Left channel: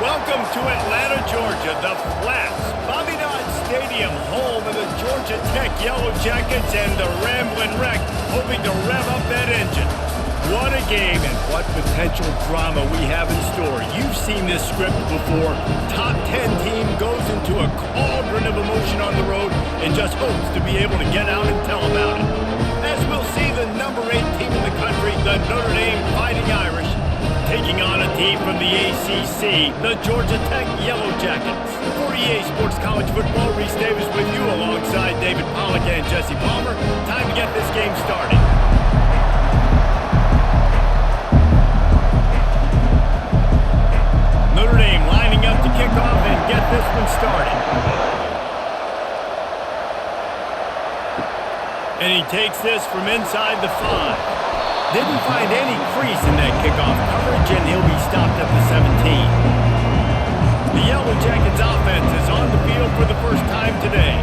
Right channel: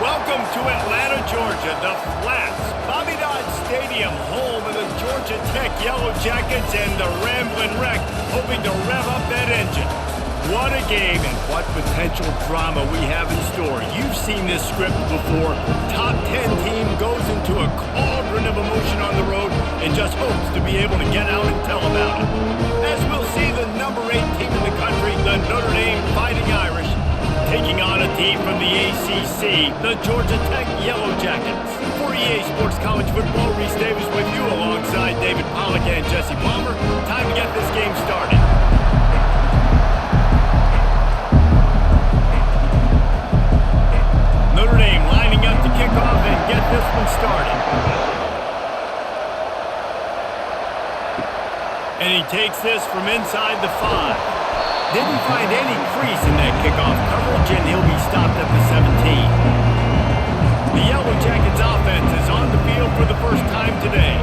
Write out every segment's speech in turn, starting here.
Welcome to Atlanta, Georgia, the Flats, Bobby Dodd Stadium, home of the Georgia Tech Yellow Jackets and the Ramblin' Wreck, hoping to rev up that engine. What a game and what potential drama we have in store. You've seen this script before. Top 10 team goes into a cauldron of emotion on the road and just hopes to be able to get out and tell about it. As we'll see the number 8 team in the country, the Notre Dame Fighting Irish, taking on a team from the ACC, the Georgia Tech Yellow Jackets. For EA Sports College Football, Reese Davis with you alongside David Pollack and Jesse Palmer. Time to get this game started. Notre Dame lining up to kick off and get this one started. And he takes this from inside the 5. Didn't find any crease in that kickoff coverage, and he'll be stopped at the 17. The Yellow Jackets offense is on the field for the first time today.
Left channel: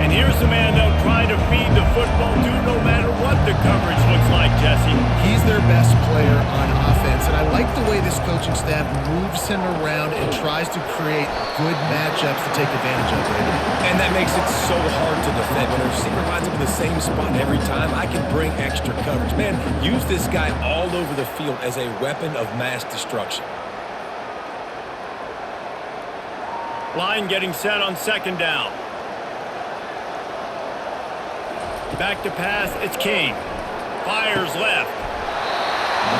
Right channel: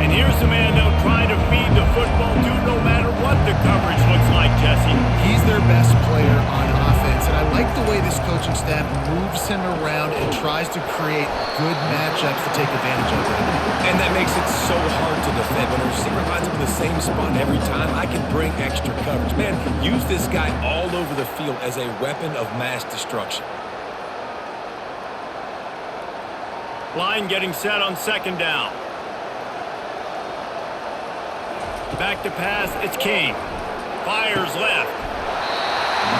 And here's the man they'll try to feed the football to no matter what the coverage looks like, Jesse. He's their best player on offense, and I like the way this coaching staff moves him around and tries to create good matchups to take advantage of, David. And that makes it so hard to defend. When a receiver lines up in the same spot every time, I can bring extra coverage. Man, use this guy all over the field as a weapon of mass destruction. Line getting set on second down. Back to pass, it's King. Fires left.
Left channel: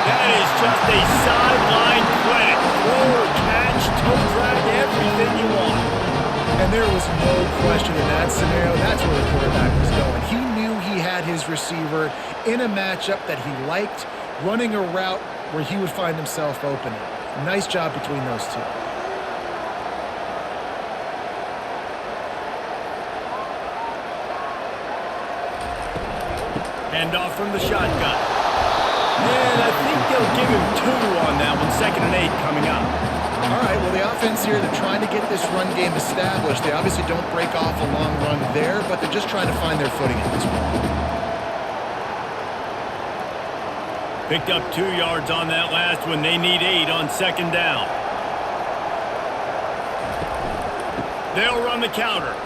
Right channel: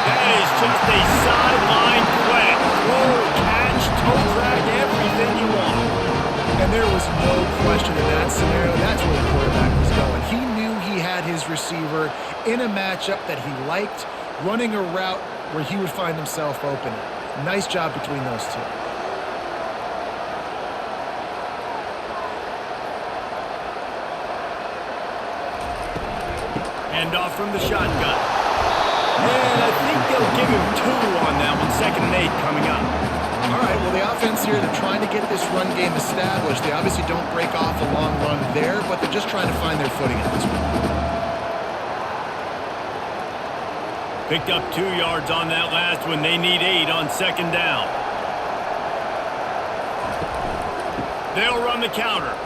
That is just a sideline credit. Throw, catch, toe drag, everything you want. And there was no question in that scenario. That's where the quarterback was going. He knew he had his receiver in a matchup that he liked, running a route where he would find himself open. Nice job between those two. Hand off from the shotgun. And I think they'll give him 2 on that one. 2nd and 8 coming up. All right, well, the offense here, they're trying to get this run game established. They obviously don't break off a long run there, but they're just trying to find their footing at this point. Picked up 2 yards on that last one. They need 8 on 2nd down. They'll run the counter.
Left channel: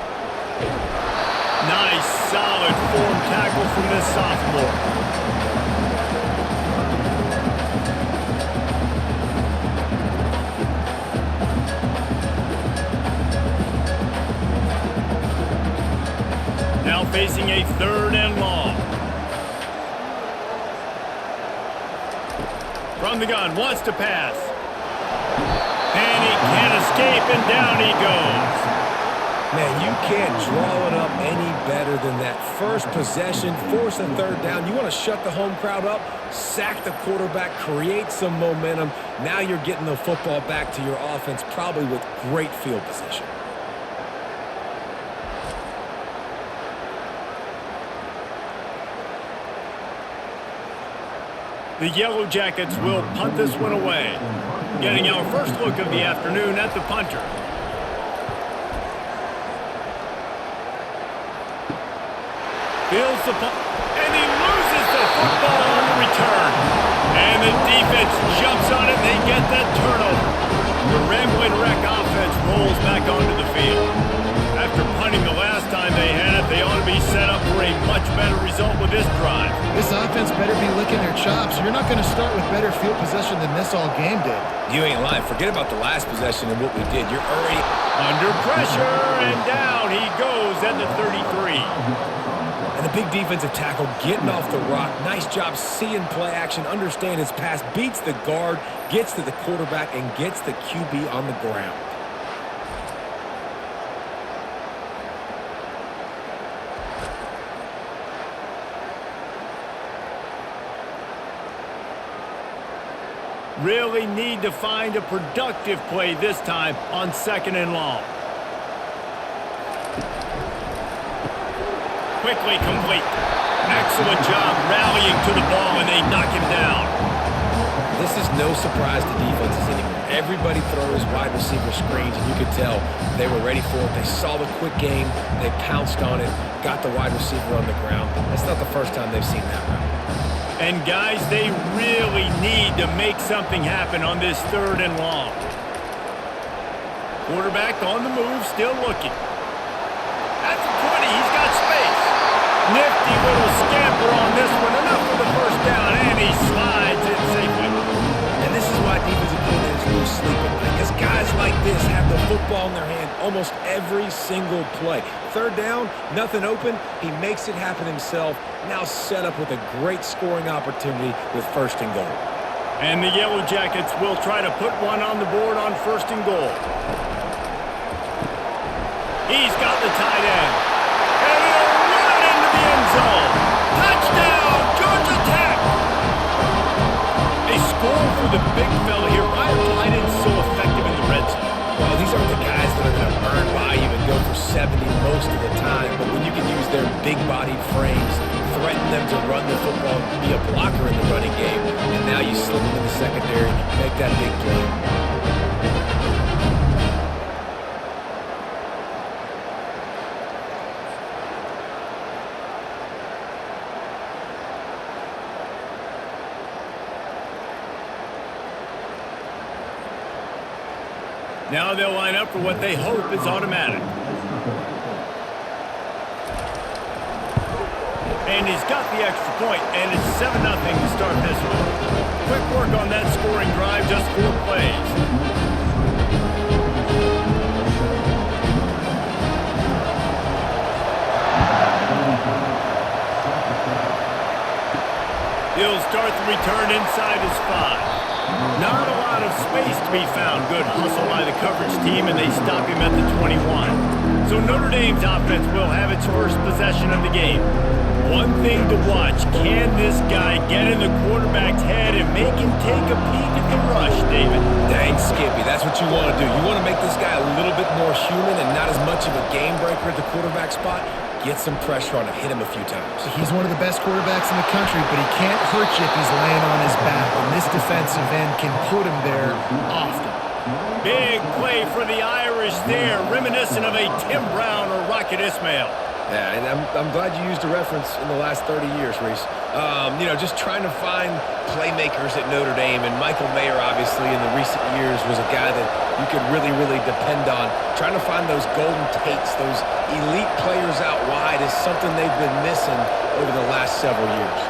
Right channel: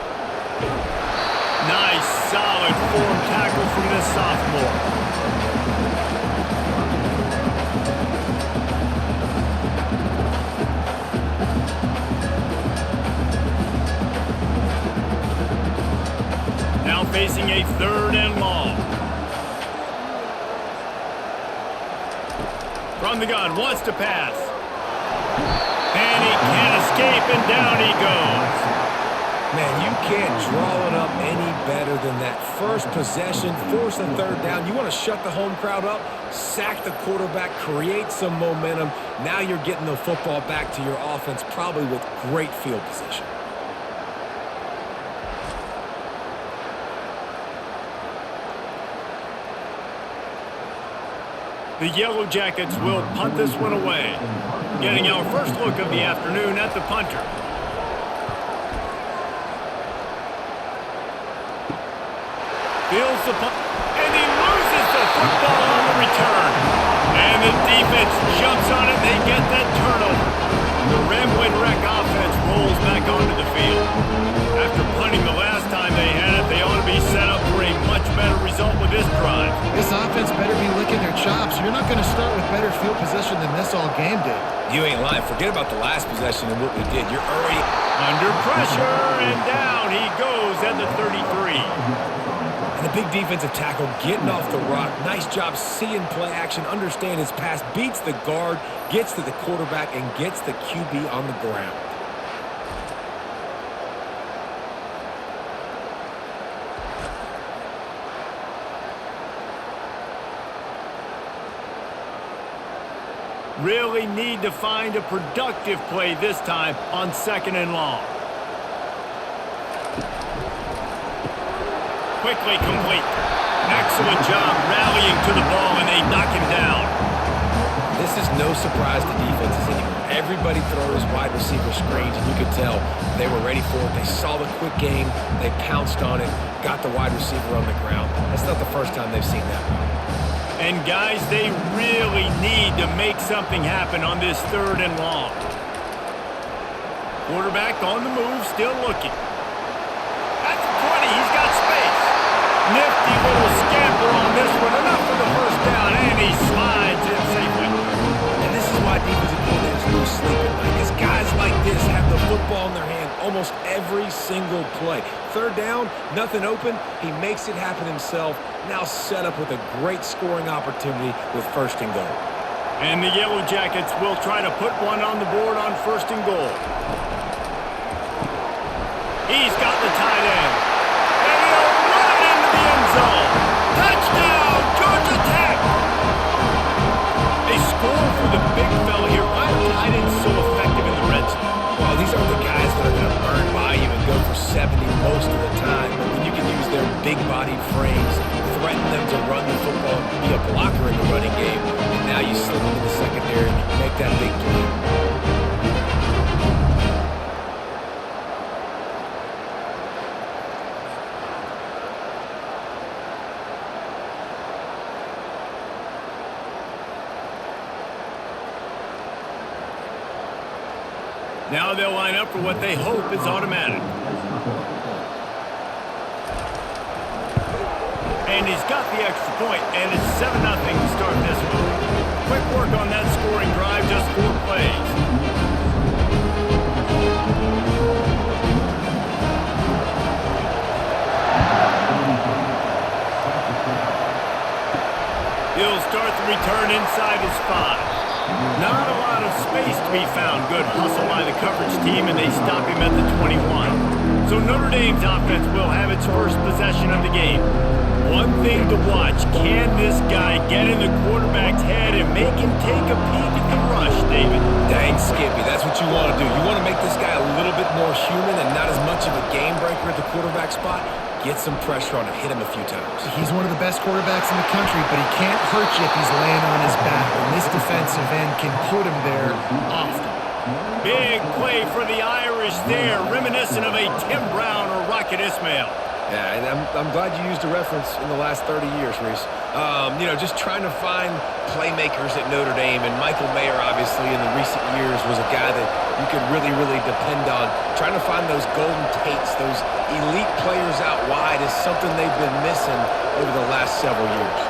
Nice, solid form tackle from this sophomore. Now facing a 3rd and long. From the gun, wants to pass. And he can't escape, and down he goes. Man, you can't draw it up any better than that. First possession, force a 3rd down. You want to shut the home crowd up, sack the quarterback, create some momentum. Now you're getting the football back to your offense, probably with great field position. The Yellow Jackets will punt this one away. Getting our first look of the afternoon at the punter. Fields the punt, and he loses the football on the return. And the defense jumps on it, and they get that turnover. The Ramblin' Wreck offense rolls back onto the field. After punting the last time they had it, they ought to be set up for a much better result with this drive. This offense better be licking their chops. You're not going to start with better field possession than this all game did. You ain't lying. Forget about the last possession and what we did. You're already under pressure, and down he goes at the 33. And the big defensive tackle getting off the rock. Nice job seeing play action, understand his pass, beats the guard, gets to the quarterback, and gets the QB on the ground. Really need to find a productive play this time on 2nd and long. Quickly complete. Excellent job rallying to the ball, and they knock him down. This is no surprise to defenses anymore. Everybody throws wide receiver screens, and you could tell they were ready for it. They saw the quick game. They pounced on it, got the wide receiver on the ground. That's not the first time they've seen that route. And, guys, they really need to make something happen on this 3rd and long. Quarterback on the move, still looking. At the 20, he's got space. Nifty little scamper on this one. Enough for the first down, and he slides in safely. And this is why defensive coordinators lose sleep at night, because guys like this have the football in their hand almost every single play. Third down, nothing open. He makes it happen himself. Now set up with a great scoring opportunity with first and goal. And the Yellow Jackets will try to put one on the board on first and goal. He's got the tight end. And he'll run it into the end zone. Touchdown, Georgia Tech! They score for the big fella here. Why are tight ends so effective in the red zone? Well, these aren't the guys that are going to burn by you and go for 70 most of the time. But when you can use their big-bodied frames, threaten them to run the football and be a blocker in the running game, and now you slip them in the secondary, make that big play. Now they'll line up for what they hope is automatic. And he's got the extra point, and it's 7-0 to start this one. Quick work on that scoring drive, just 4 plays. He'll start the return inside his 5. Not a lot of space to be found. Good hustle by the coverage team, and they stop him at the 21. So Notre Dame's offense will have its first possession of the game. One thing to watch, can this guy get in the quarterback's head and make him take a peek at the rush, David? Dang, Skippy, that's what you want to do. You want to make this guy a little bit more human and not as much of a game breaker at the quarterback spot. Get some pressure on him, hit him a few times. He's one of the best quarterbacks in the country, but he can't hurt you if he's laying on his back, and this defensive end can put him there often. Big play for the Irish there, reminiscent of a Tim Brown or Rocket Ismail. Yeah, and I'm glad you used a reference in the last 30 years, Reese. Just trying to find playmakers at Notre Dame, and Michael Mayer, obviously, in the recent years was a guy that you could really, really depend on. Trying to find those golden takes, those elite players out wide is something they've been missing over the last several years.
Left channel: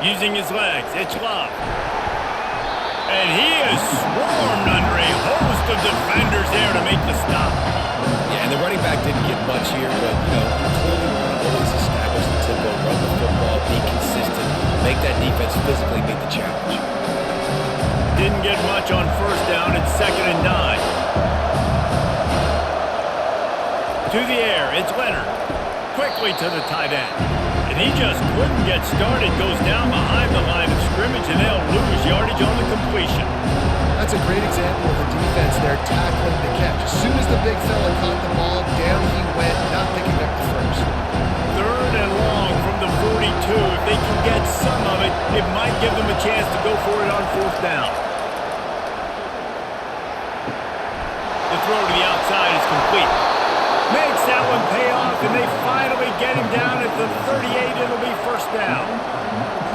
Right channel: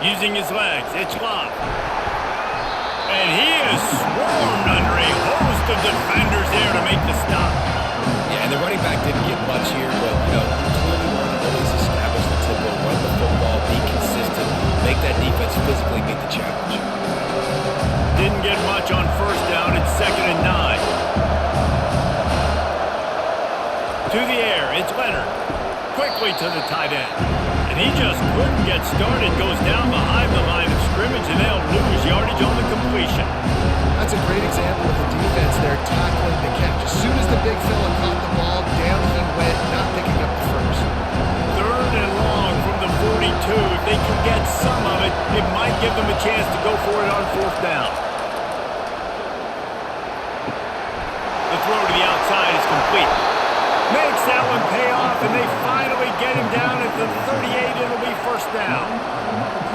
Using his legs, it's Love. And he is swarmed under a host of defenders there to make the stop. Yeah, and the running back didn't get much here, but, you clearly want to always establish the tempo, run the football, be consistent, make that defense physically meet the challenge. Didn't get much on first down. It's 2nd and 9. To the air, it's Leonard. Quickly to the tight end. And he just couldn't get started. Goes down behind the line of scrimmage, and they'll lose yardage on the completion. That's a great example of the defense there tackling the catch. As soon as the big fella caught the ball, down he went, not picking up the first. 3rd and long from the 42. If they can get some of it, it might give them a chance to go for it on 4th down. The throw to the outside is complete. Makes that one pay off, and they finally get him down at the 38. It'll be 1st down.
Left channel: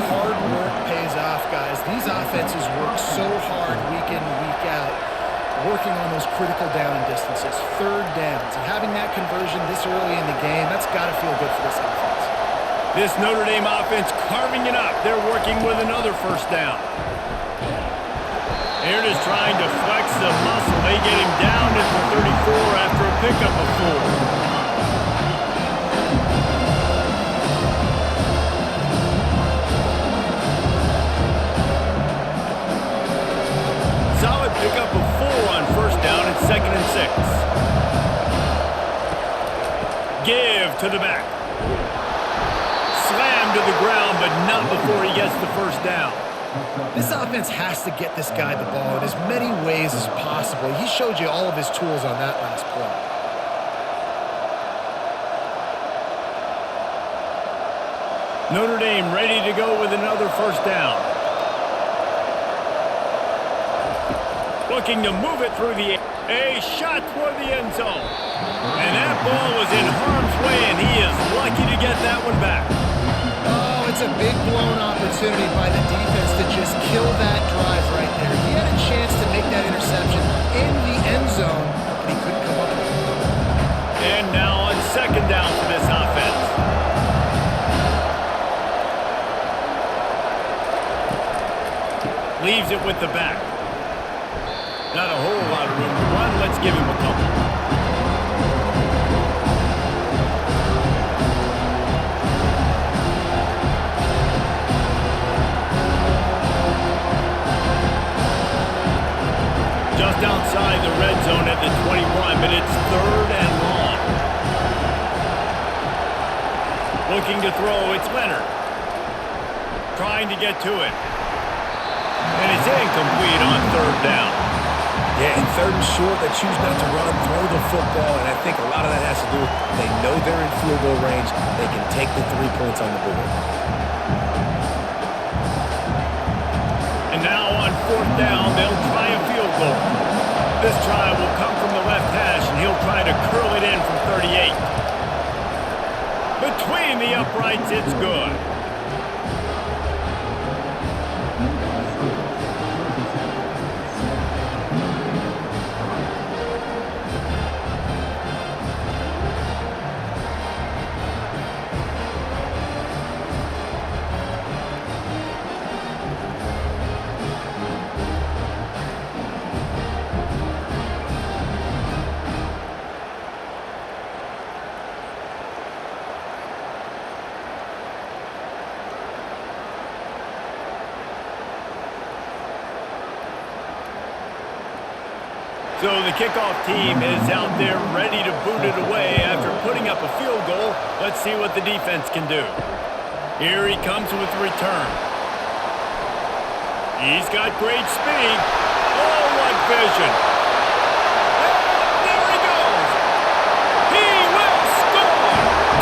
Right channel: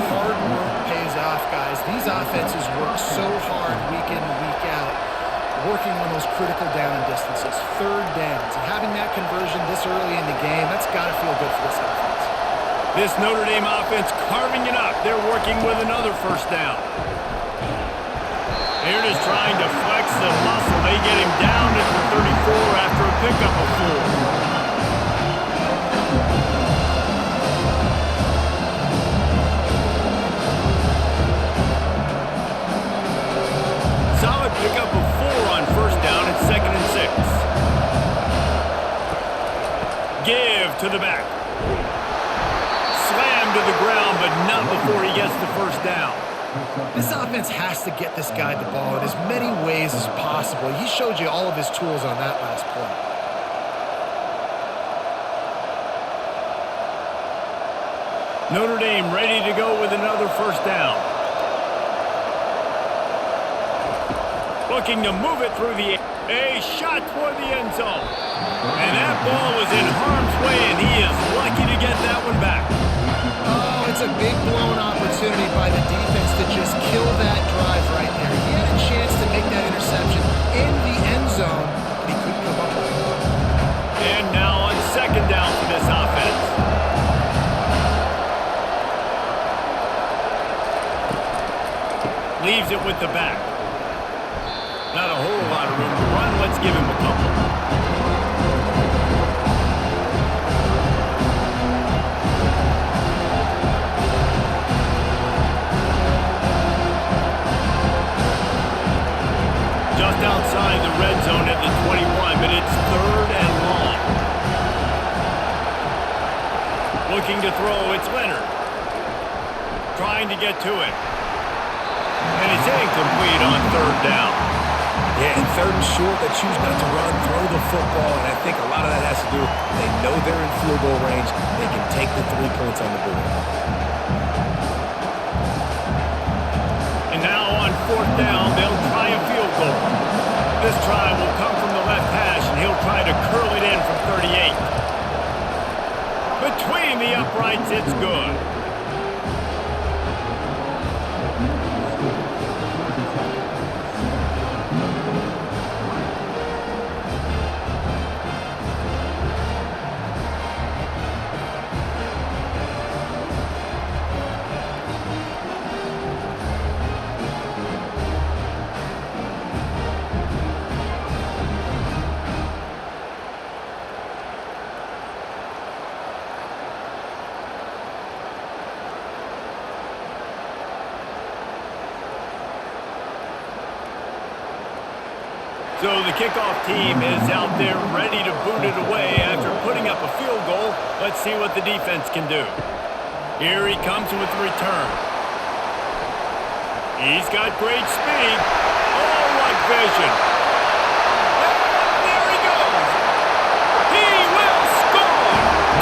Hard work pays off, guys. These offenses work so hard week in, week out, working on those critical down and distances, 3rd downs. And having that conversion this early in the game, that's got to feel good for this offense. This Notre Dame offense carving it up. They're working with another 1st down. They're just trying to flex the muscle. They get him down at the 34 after a pickup of 4. Solid pickup of 4 on 1st down. It's 2nd and 6. Give to the back. Slam to the ground, but not before he gets the 1st down. This offense has to get this guy the ball in as many ways as possible. He showed you all of his tools on that last play. Notre Dame ready to go with another 1st down. Looking to move it through the air. A shot toward the end zone. And that ball was in harm's way, and he is lucky to get that one back. Oh, It's a big blown opportunity by the defense to just kill that drive right there. He had a chance to make that interception in the end zone, but he couldn't come up with it. And now on second down for this offense. Leaves it with the back. Not a whole lot of room to run. Let's give him a couple. Just outside the red zone at the 21, but it's third and long. Looking to throw, it's Leonard. Trying to get to it. And it's incomplete on third down. Yeah, and third and short, they choose not to run, throw the football, and I think a lot of that has to do with they know they're in field goal range. They can take the 3 points on the board. And now on fourth down, they'll try a field goal. This try will come from the left hash, and he'll try to curl it in from 38. Between the uprights, it's good. So the kickoff team is out there ready to boot it away after putting up a field goal. Let's see what the defense can do. Here he comes with the return. He's got great speed. Oh, what vision. And there he goes. He will score.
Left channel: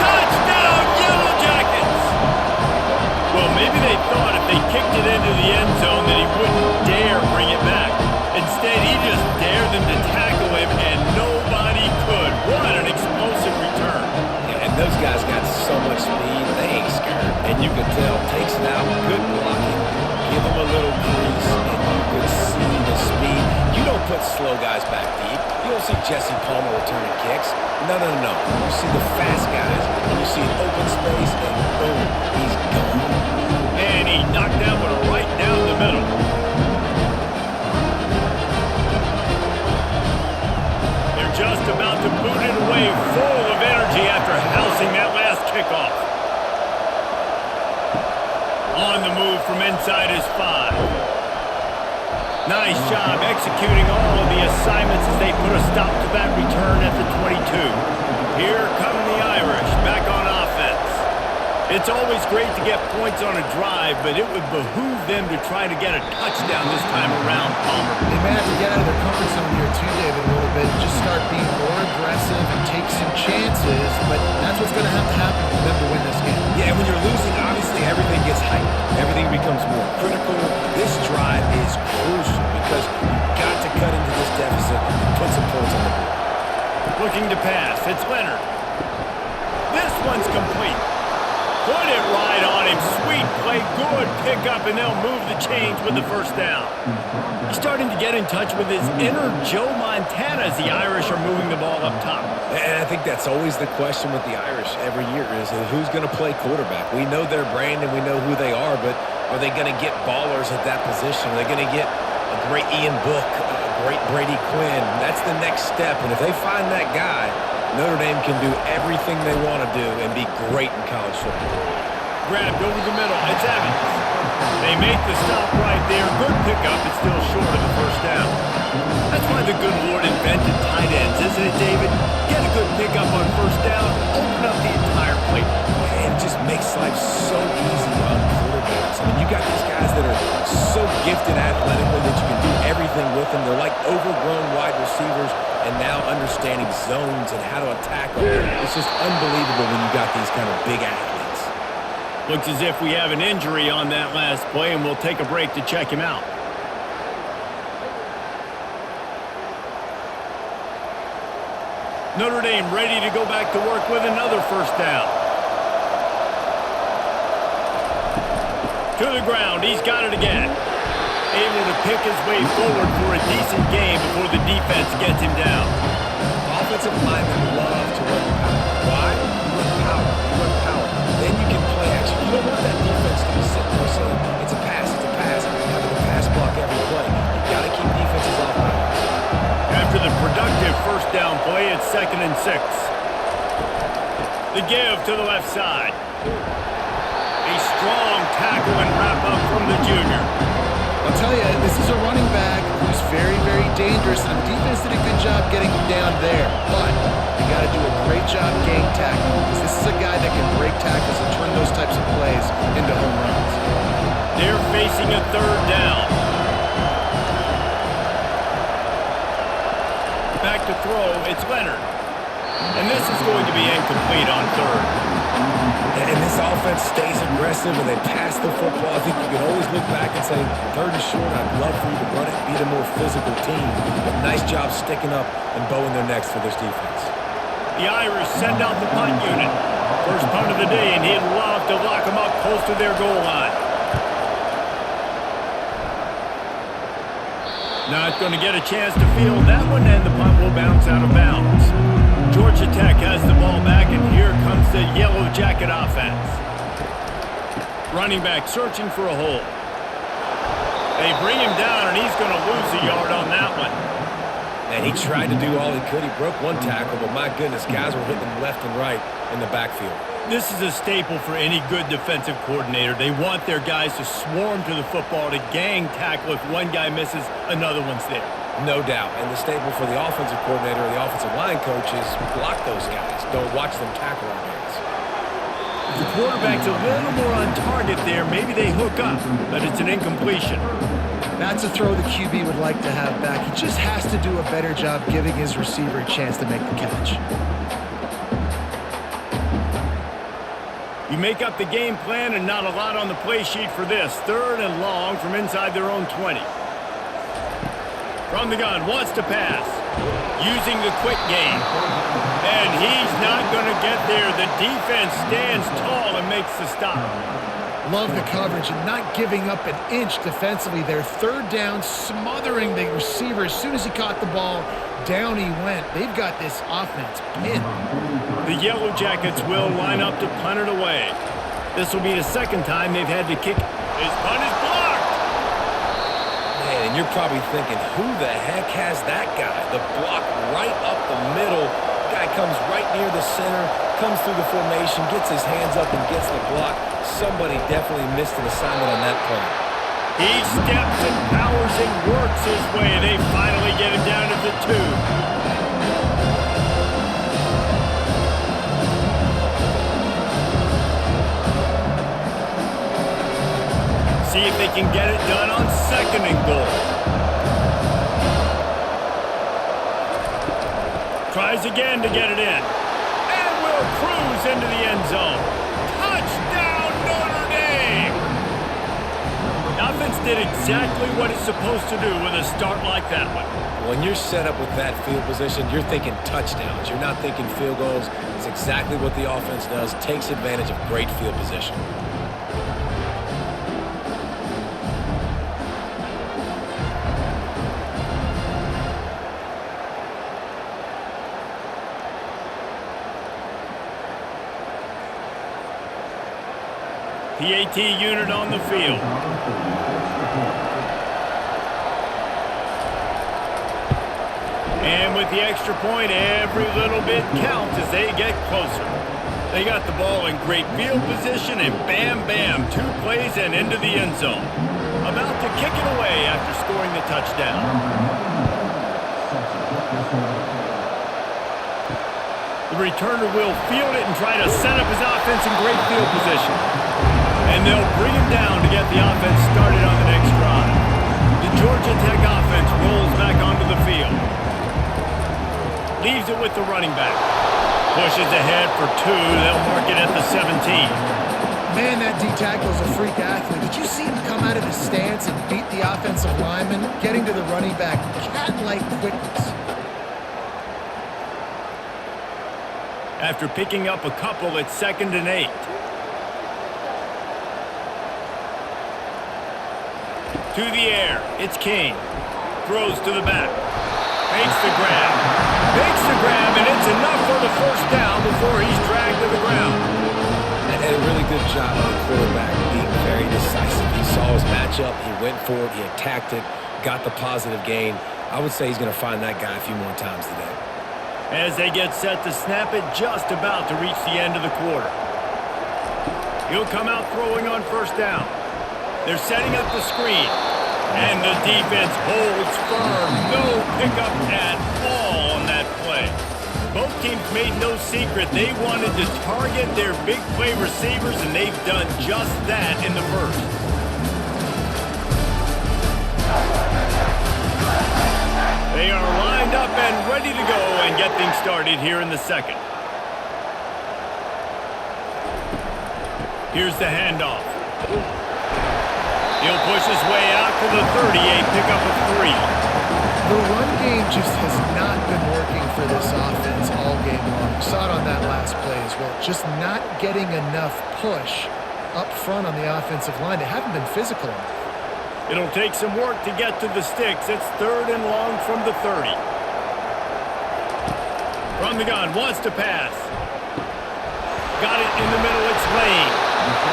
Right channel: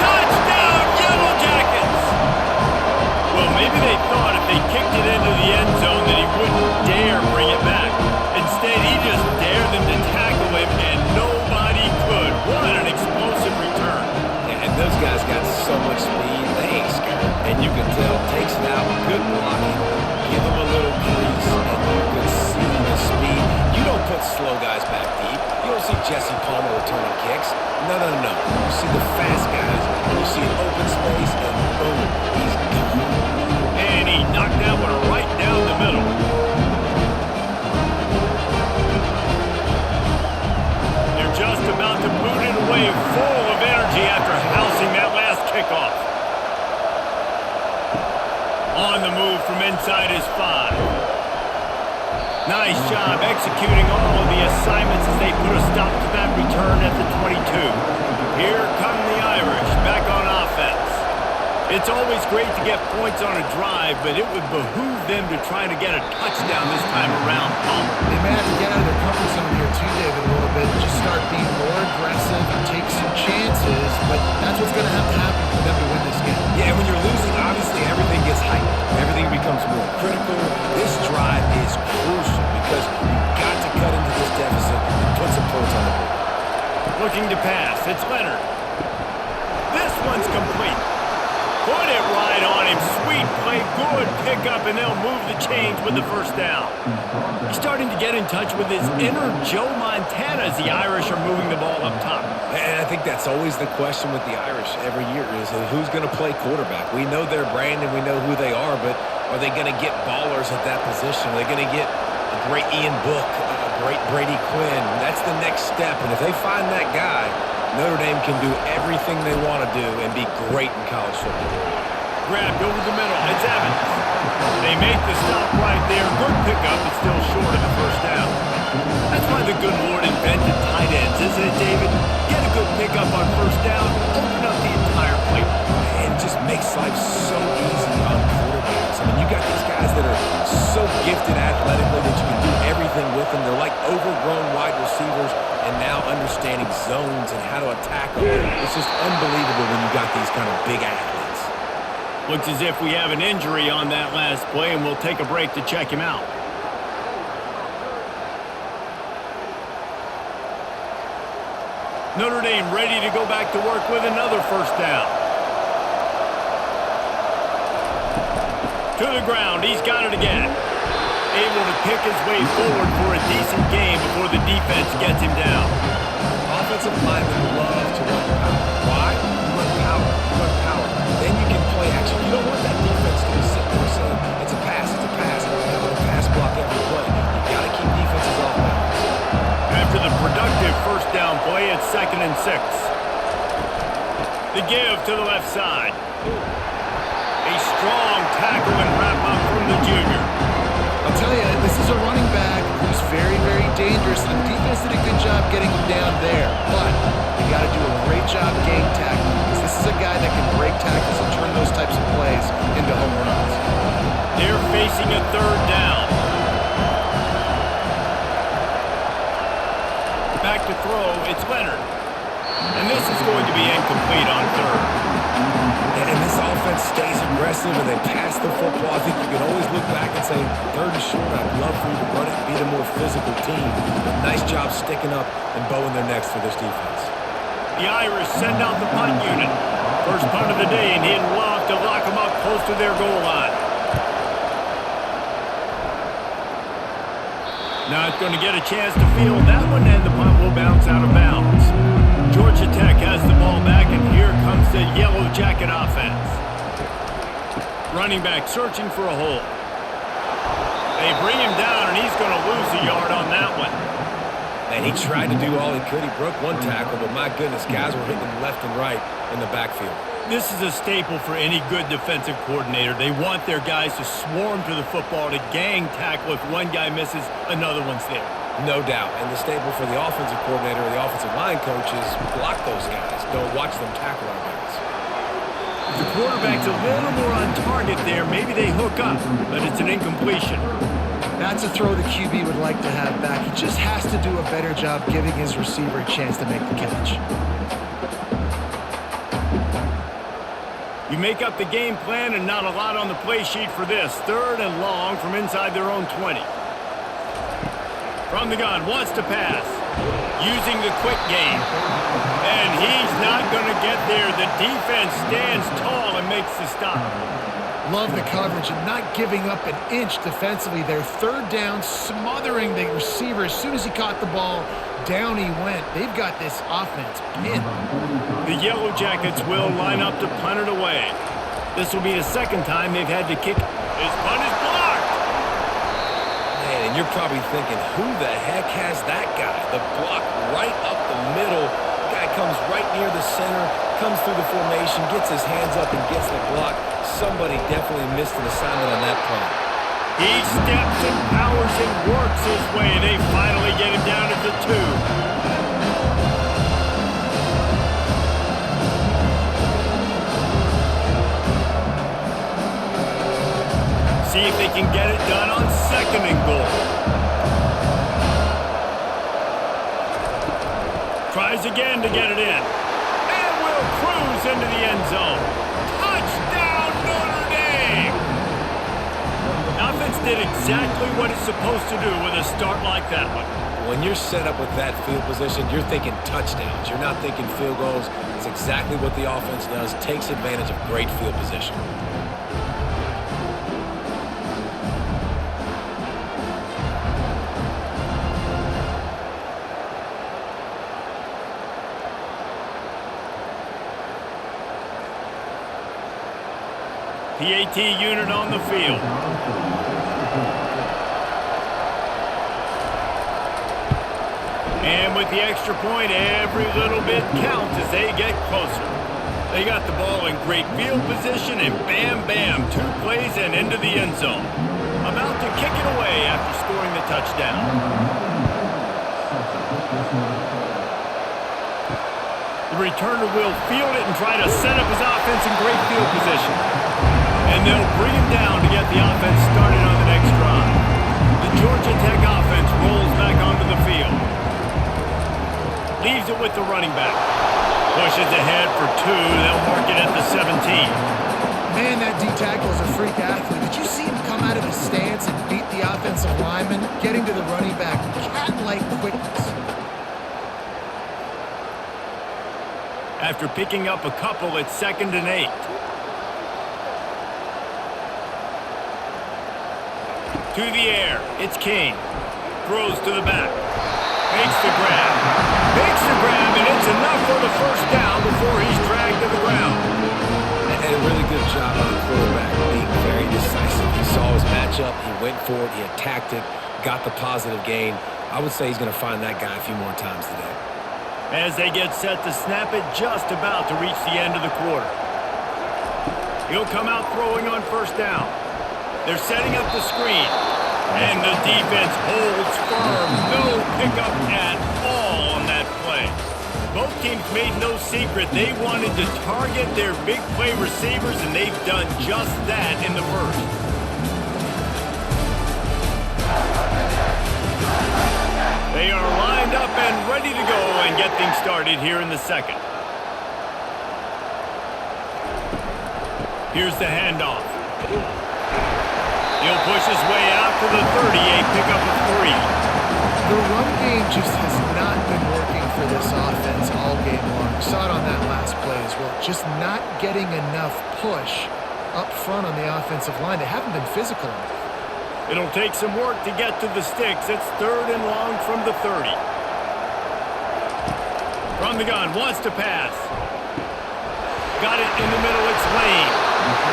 Touchdown, Yellow Jackets. Well, maybe they thought if they kicked it into the end zone that he wouldn't dare bring it back. Instead, he just dared them to tackle him, and nobody could. What an explosive return. Yeah, and those guys got so much speed, they ain't scared. And you can tell, takes it out, good blocking, give them a little crease, and you can see the speed. You don't put slow guys back deep. You don't see Jesse Palmer returning kicks. No. You see the fast guys, and you see an open space, and boom, he's gone. And he knocked that one right down the middle. Just about to boot it away, full of energy after housing that last kickoff. On the move from inside his 5. Nice job executing all of the assignments as they put a stop to that return at the 22. Here come the Irish back on offense. It's always great to get points on a drive, but it would behoove them to try to get a touchdown this time around, Palmer. They may have to get out of their comfort zone here too, David, a little bit. Just start being more aggressive and take some chances, but that's what's going to happen for them to win this game. Yeah, and when you're losing, obviously everything gets heightened. Everything becomes more critical. This drive is crucial because you've got to cut into this deficit and put some points on the board. Looking to pass. It's Leonard. This one's complete. Put it right on him. Sweet play. Good pickup, and they'll move the chains with the first down. He's starting to get in touch with his inner Joe Montana as the Irish are moving the ball up top. And I think that's always the question with the Irish every year is who's going to play quarterback. We know their brand and we know who they are, but are they going to get ballers at that position? Are they going to get a great Ian Book, a great Brady Quinn? That's the next step, and if they find that guy, Notre Dame can do everything they want to do and be great in college football. Grabbed over the middle. It's Evans. They make the stop right there. Good pickup. It's still short of the first down. That's why the good Lord invented tight ends, isn't it, David? Get a good pickup on first down, open up the entire plate. And it just makes life so easy on quarterbacks. I mean, you got these guys that are so gifted athletically that you can do everything with them. They're like overgrown wide receivers, and now understanding zones and how to attack them. It's just unbelievable when you got these kind of big athletes. Looks as if we have an injury on that last play, and we'll take a break to check him out. Notre Dame ready to go back to work with another first down. To the ground. He's got it again. Able to pick his way forward for a decent game before the defense gets him down. Offensive linemen love to run the power. Why? You run power. You run power. Then you can play action. You don't want that defense to be sitting there saying, it's a pass, having to pass block every play. You got to keep defenses off balance. After the productive first down play, it's 2nd and 6. The give to the left side. A strong tackle and wrap up from the junior. I'll tell you, this is a running back who's very, very dangerous, and the defense did a good job getting him down there. But you got to do a great job gang tackling, because this is a guy that can break tackles and turn those types of plays into home runs. They're facing a 3rd down. Back to throw, it's Leonard. And this is going to be incomplete on 3rd. And this offense stays aggressive and they pass the football. I think you can always look back and say, 3rd is short, I'd love for you to run it, beat a more physical team. But nice job sticking up and bowing their necks for this defense. The Irish send out the punt unit. First punt of the day, and he'd love to lock them up close to their goal line. Not going to get a chance to field that one, and the punt will bounce out of bounds. Georgia Tech has the ball back, and here comes the Yellow Jacket offense. Running back searching for a hole. They bring him down, and he's going to lose a yard on that one. Man, he tried to do all he could. He broke one tackle, but my goodness, guys were hitting him left and right in the backfield. This is a staple for any good defensive coordinator. They want their guys to swarm to the football, to gang tackle. If one guy misses, another one's there. No doubt. And the staple for the offensive coordinator or the offensive line coach is block those guys. Don't watch them tackle our guys. If the quarterback's a little more on target there, maybe they hook up, but it's an incompletion. That's a throw the QB would like to have back. He just has to do a better job giving his receiver a chance to make the catch. You make up the game plan and not a lot on the play sheet for this. 3rd and long from inside their own 20. From the gun, wants to pass. Using the quick game. And he's not going to get there. The defense stands tall and makes the stop. Love the coverage and not giving up an inch defensively. Their 3rd down, smothering the receiver. As soon as he caught the ball, down he went. They've got this offense pinned. The Yellow Jackets will line up to punt it away. This will be the 2nd time they've had to kick. His punt is blocked. Man, and you're probably thinking, who the heck has that guy? The block right up the middle. Guy comes right near the center, comes through the formation, gets his hands up and gets the block. Somebody definitely missed an assignment on that punt. He steps and powers and works his way. They finally get him down at the 2. See if they can get it done on 2nd and goal. Tries again to get it in. And will cruise into the end zone. Touchdown, Notre Dame! The offense did exactly what it's supposed to do with a start like that one. When you're set up with that field position, you're thinking touchdowns. You're not thinking field goals. It's exactly what the offense does. Takes advantage of great field position. PAT unit on the field. And with the extra point, every little bit counts as they get closer. They got the ball in great field position, and bam, bam, 2 plays and into the end zone. About to kick it away after scoring the touchdown. The returner will field it and try to set up his offense in great field position. And they'll bring him down to get the offense started on the next drive. The Georgia Tech offense rolls back onto the field. Leaves it with the running back. Pushes ahead for 2. They'll mark it at the 17. Man, that D-tackle is a freak athlete. Did you see him come out of his stance and beat the offensive lineman, getting to the running back? Cat-like quickness. After picking up a couple, it's 2nd and 8. To the air. It's King. Throws to the back. Makes the grab. Makes the grab, and it's enough for the first down before he's dragged to the ground. And a really good job by the quarterback being very decisive. He saw his matchup. He went for it. He attacked it. Got the positive gain. I would say he's going to find that guy a few more times today. As they get set to snap it, just about to reach the end of the quarter. He'll come out throwing on first down. They're setting up the screen. And the defense holds firm. No pickup at all on that play. Both teams made no secret they wanted to target their big play receivers, and they've done just that in the first. They are lined up and ready to go and get things started here in the second. Here's the handoff. He'll push his way out to the 30, a pickup of 3. The run game just has not been working for this offense all game long. You saw it on that last play as well. Just not getting enough push up front on the offensive line. They haven't been physical enough. It'll take some work to get to the sticks. It's 3rd and long from the 30. From the gun, wants to pass. Got it in the middle, it's Lane.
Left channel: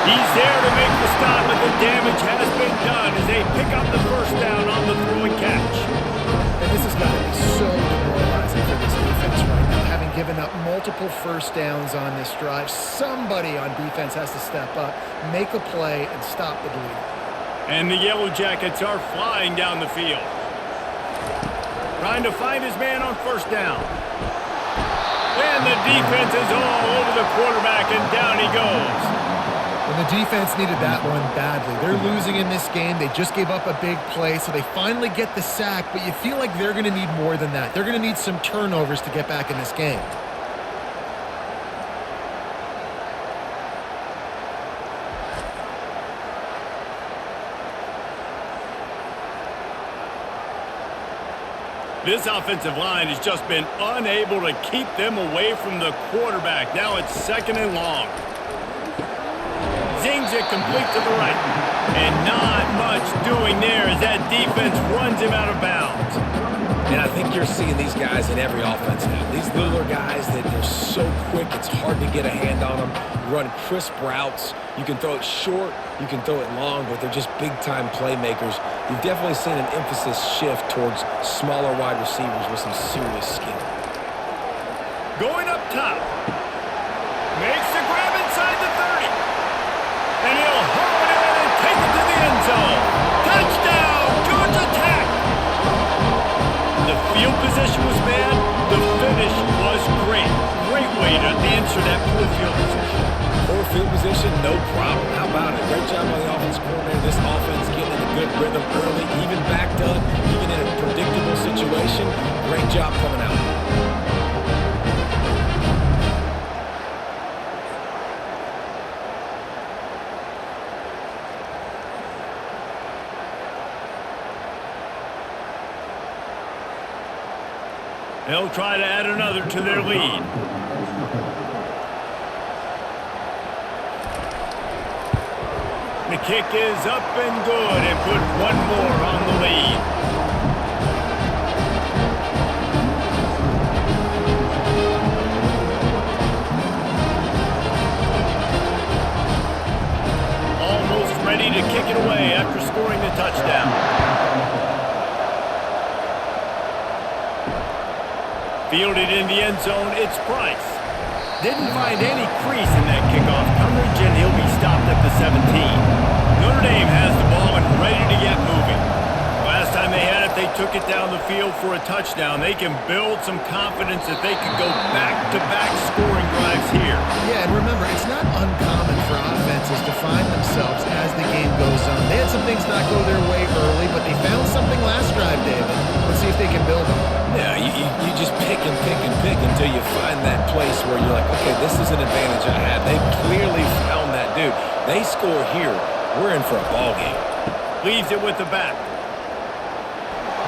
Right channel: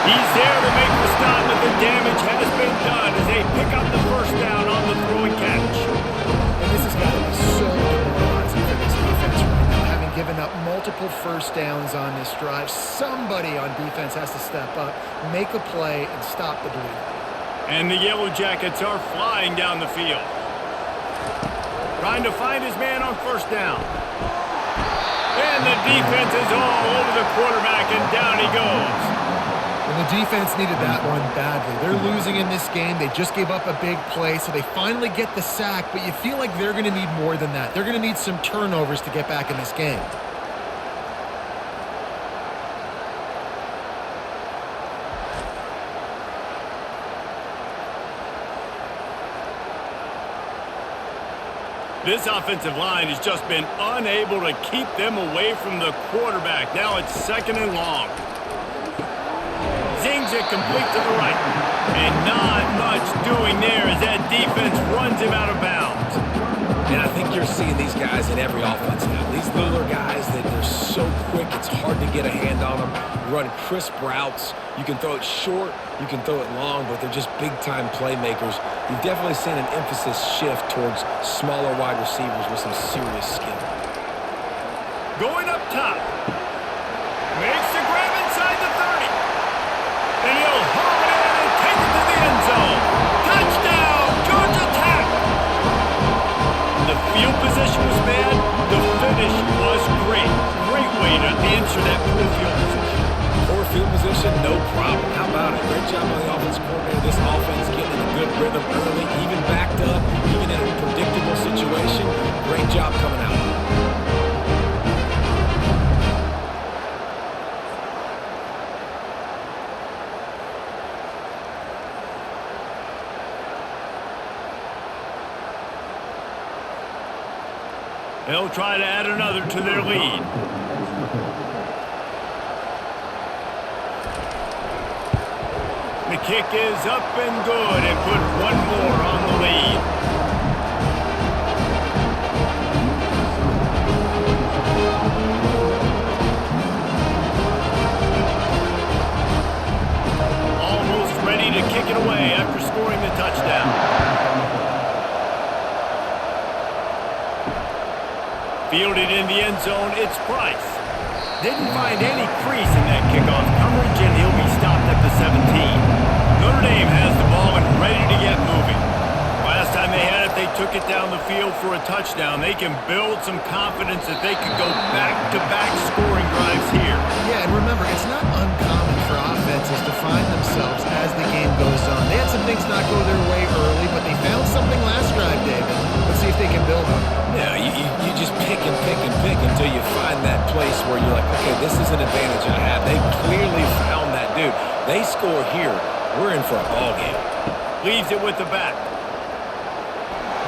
He's there to make the stop, but the damage has been done as they pick up the first down on the throw and catch. And this has got to be so demoralizing for this defense right now, having given up multiple first downs on this drive. Somebody on defense has to step up, make a play, and stop the bleeding. And the Yellow Jackets are flying down the field. Trying to find his man on first down. And the defense is all over the quarterback, and down he goes. And the defense needed that one badly. They're losing in this game. They just gave up a big play, so they finally get the sack, but you feel like they're going to need more than that. They're going to need some turnovers to get back in this game. This offensive line has just been unable to keep them away from the quarterback. Now it's 2nd and long. Zings it complete to the right. And not much doing there as that defense runs him out of bounds. And I think you're seeing these guys in every offense now. These littler guys that they're so quick, it's hard to get a hand on them. Run crisp routes. You can throw it short, you can throw it long, but they're just big-time playmakers. You've definitely seen an emphasis shift towards smaller wide receivers with some serious skill. Going up top. Makes the grab inside the 30. And he'll haul it in and take it to the end zone. Touchdown, Georgia Tech! The field position was bad. The finish was great. Great way to answer that poor field position. Poor field position, no problem. How about it? Great job by the offensive coordinator. This offense getting in a good rhythm early, even backed up, even in a predictable situation. Great job coming out. They'll try to add another to their lead. The kick is up and good and put one more on the lead. Almost ready to kick it away after scoring the touchdown. Fielded in the end zone, it's Price. Didn't find any crease in that kickoff coverage, and he'll be stopped at the 17. Notre Dame has the ball and ready to get moving. Last time they had it, they took it down the field for a touchdown. They can build some confidence that they could go back-to-back scoring drives here. Yeah, and remember, it's not uncommon for offenses to find themselves as the game goes on. They had some things not go their way early, but they found something last drive, David. Let's see if they can build on that. Yeah, you just pick and pick and pick until you find that place where you're like, okay, this is an advantage I have. They clearly found that dude. They score here, we're in for a ball game. Leaves it with the back.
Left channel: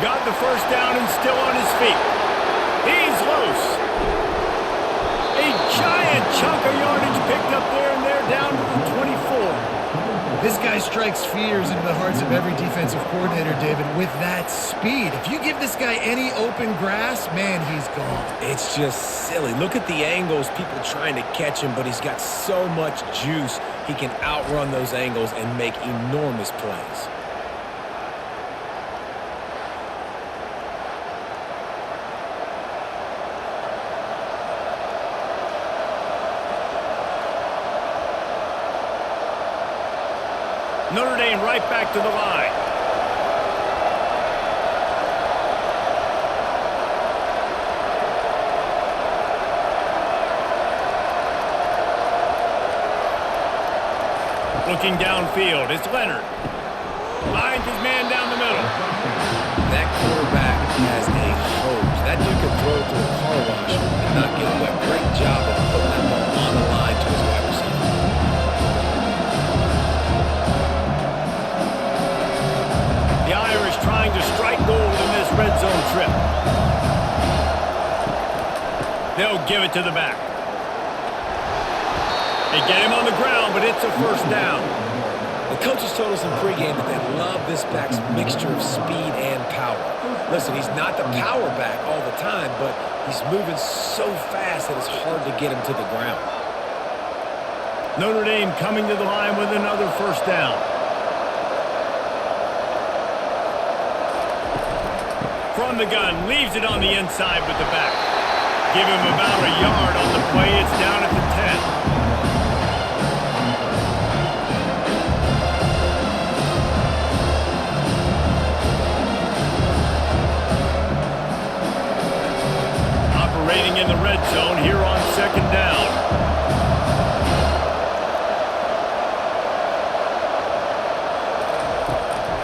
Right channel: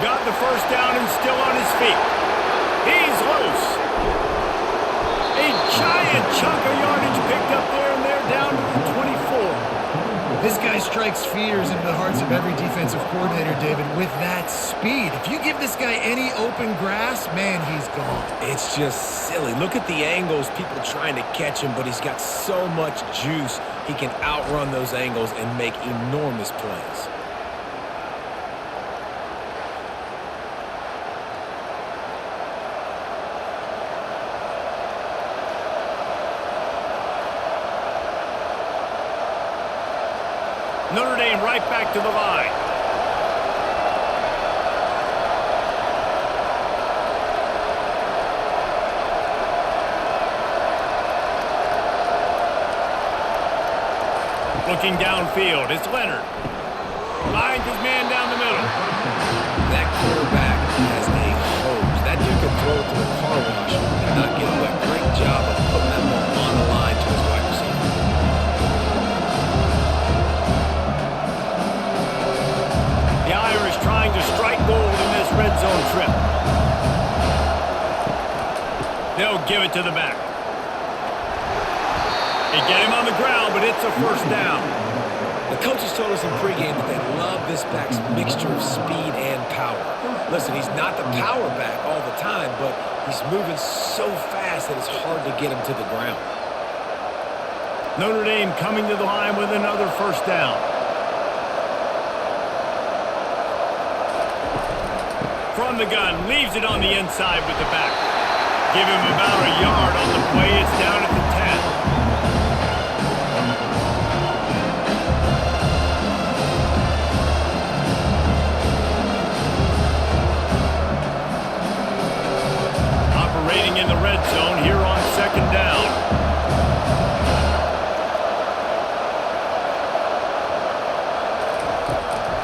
Got the first down and still on his feet. He's loose. A giant chunk of yardage picked up there, and they're down to the 24. This guy strikes fears into the hearts of every defensive coordinator, David, with that speed. If you give this guy any open grass, man, he's gone. It's just silly. Look at the angles, people trying to catch him, but he's got so much juice. He can outrun those angles and make enormous plays. Notre Dame right back to the line. Looking downfield, it's Leonard. Finds his man down the middle. That quarterback has a hose. That dude can throw it to a car wash and not get it wet. Great job of putting that ball on the line to his wide receiver. The Irish trying to strike gold in this red zone trip. They'll give it to the back. They get him on the ground, but it's a first down. The coaches told us in pregame that they love this back's mixture of speed and power. Listen, he's not the power back all the time, but he's moving so fast that it's hard to get him to the ground. Notre Dame coming to the line with another first down. From the gun, leaves it on the inside with the back. Give him about a yard on the play. It's down at the 10. Operating in the red zone here on second down.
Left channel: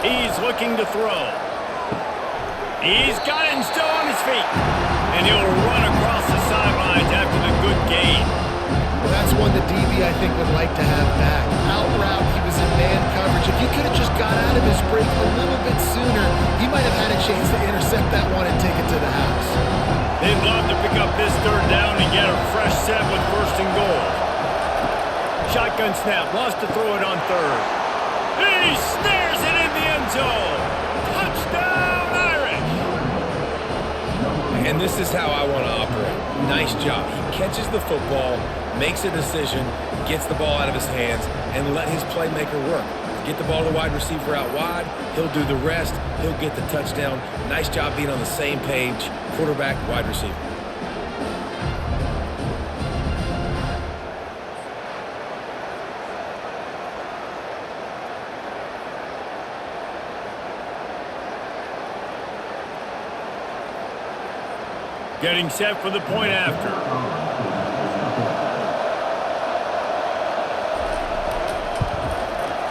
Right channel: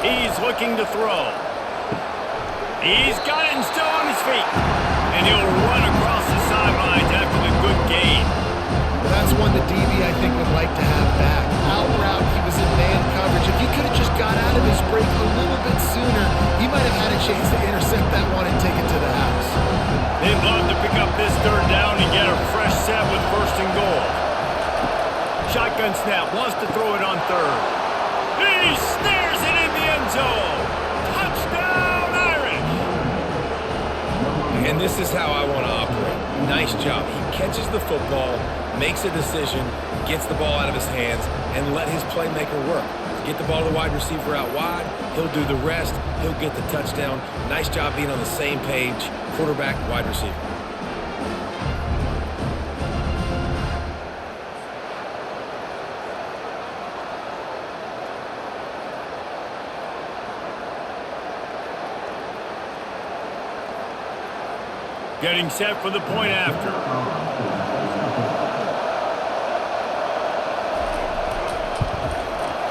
He's looking to throw. He's got it and still on his feet. And he'll run across the sidelines after the good gain. Well, that's one the DB, I think, would like to have back. Out route, he was in man coverage. If he could have just got out of his break a little bit sooner, he might have had a chance to intercept that one and take it to the house. They'd love to pick up this third down and get a fresh set with first and goal. Shotgun snap, wants to throw it on third. He snares it in the end zone. Touchdown, Irish! And this is how I want to operate. Nice job. He catches the football, makes a decision, gets the ball out of his hands, and let his playmaker work. Get the ball to the wide receiver out wide. He'll do the rest. He'll get the touchdown. Nice job being on the same page, quarterback, wide receiver. Getting set for the point after.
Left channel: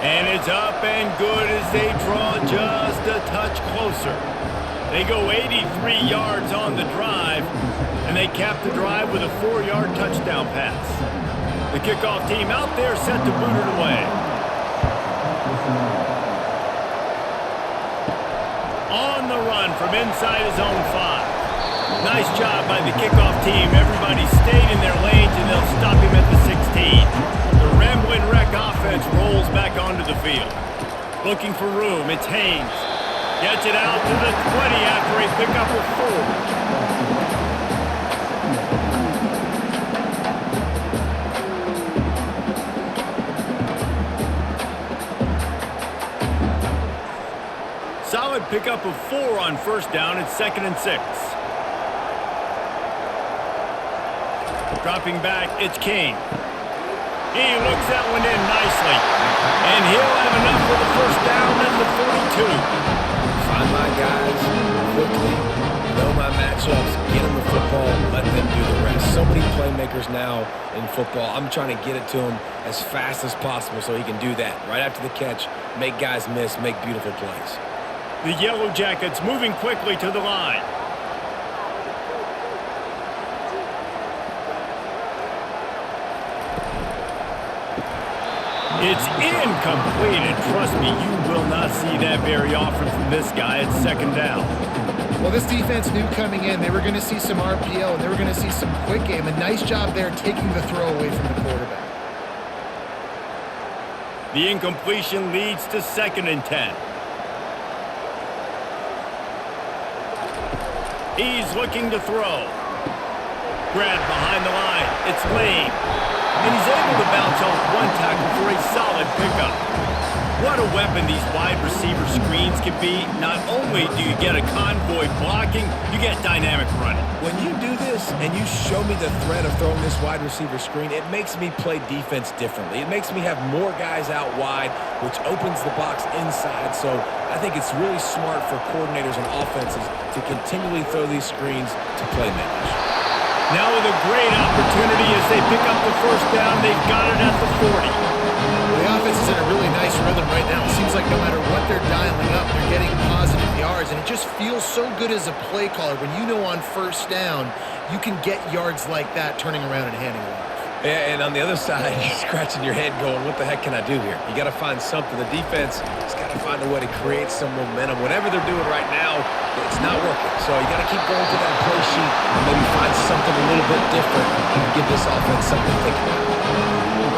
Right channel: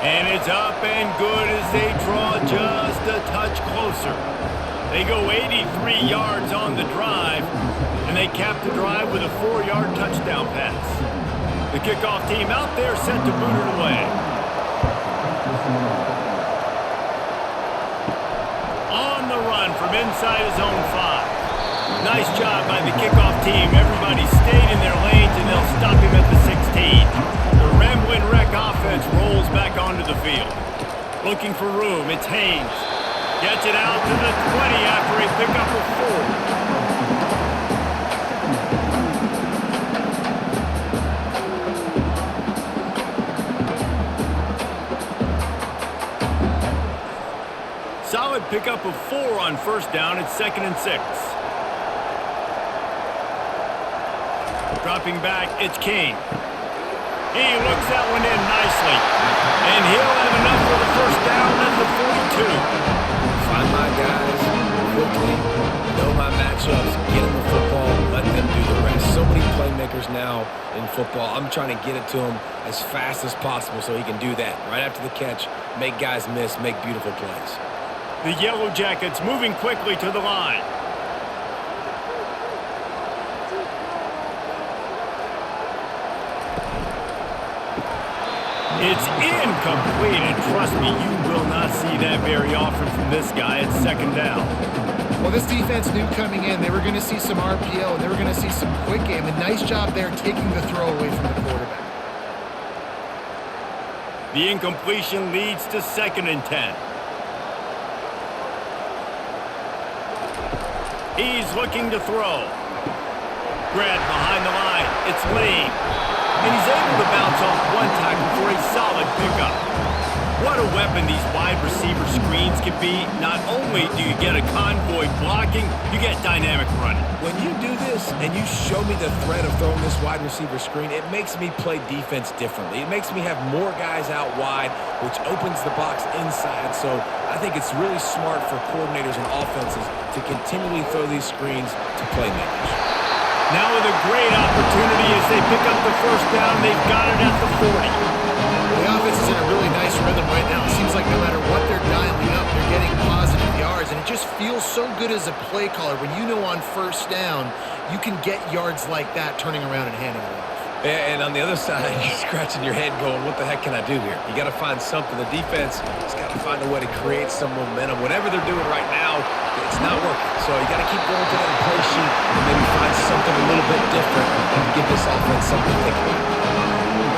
And it's up and good as they draw just a touch closer. They go 83 yards on the drive, and they cap the drive with a 4-yard touchdown pass. The kickoff team out there set to boot it away. On the run from inside his own 5. Nice job by the kickoff team. Everybody stayed in their lanes, and they'll stop him at the 16. The Ramblin' Wreck offense rolls back onto the field. Looking for room, it's Haynes. Gets it out to the 20 after a pickup of 4. Solid pickup of 4 on first down. It's 2nd and 6. Dropping back, it's King. He looks that one in nicely. And he'll have enough for the first down at the 42. Find my guys quickly, know my matchups, get them the football, let them do the rest. So many playmakers now in football. I'm trying to get it to him as fast as possible so he can do that. Right after the catch, make guys miss, make beautiful plays. The Yellow Jackets moving quickly to the line. It's incomplete, and trust me, you will not see that very often from this guy. It's 2nd down. Well, this defense knew coming in they were going to see some RPO, and they were going to see some quick game. A nice job there taking the throw away from the quarterback. The incompletion leads to 2nd and 10. He's looking to throw. Grabbed behind the line. It's Lane. And he's able to bounce off one tackle for a solid pickup. What a weapon these wide receiver screens can be. Not only do you get a convoy blocking, you get dynamic running. When you do this and you show me the threat of throwing this wide receiver screen, it makes me play defense differently. It makes me have more guys out wide, which opens the box inside. So I think it's really smart for coordinators and offenses to continually throw these screens to playmakers. Now with a great opportunity as they pick up the first down, they've got it at the 40. Well, the offense is in a really nice rhythm right now. It seems like no matter what they're dialing up, they're getting positive yards, and it just feels so good as a play caller when you know on first down you can get yards like that turning around and handing it off. Yeah, and on the other side, you're scratching your head going, what the heck can I do here? You got to find something. The defense has got to find a way to create some momentum. Whatever they're doing right now, it's not working. So you got to keep going to that play sheet and maybe find something a little bit different and give this offense something to think about.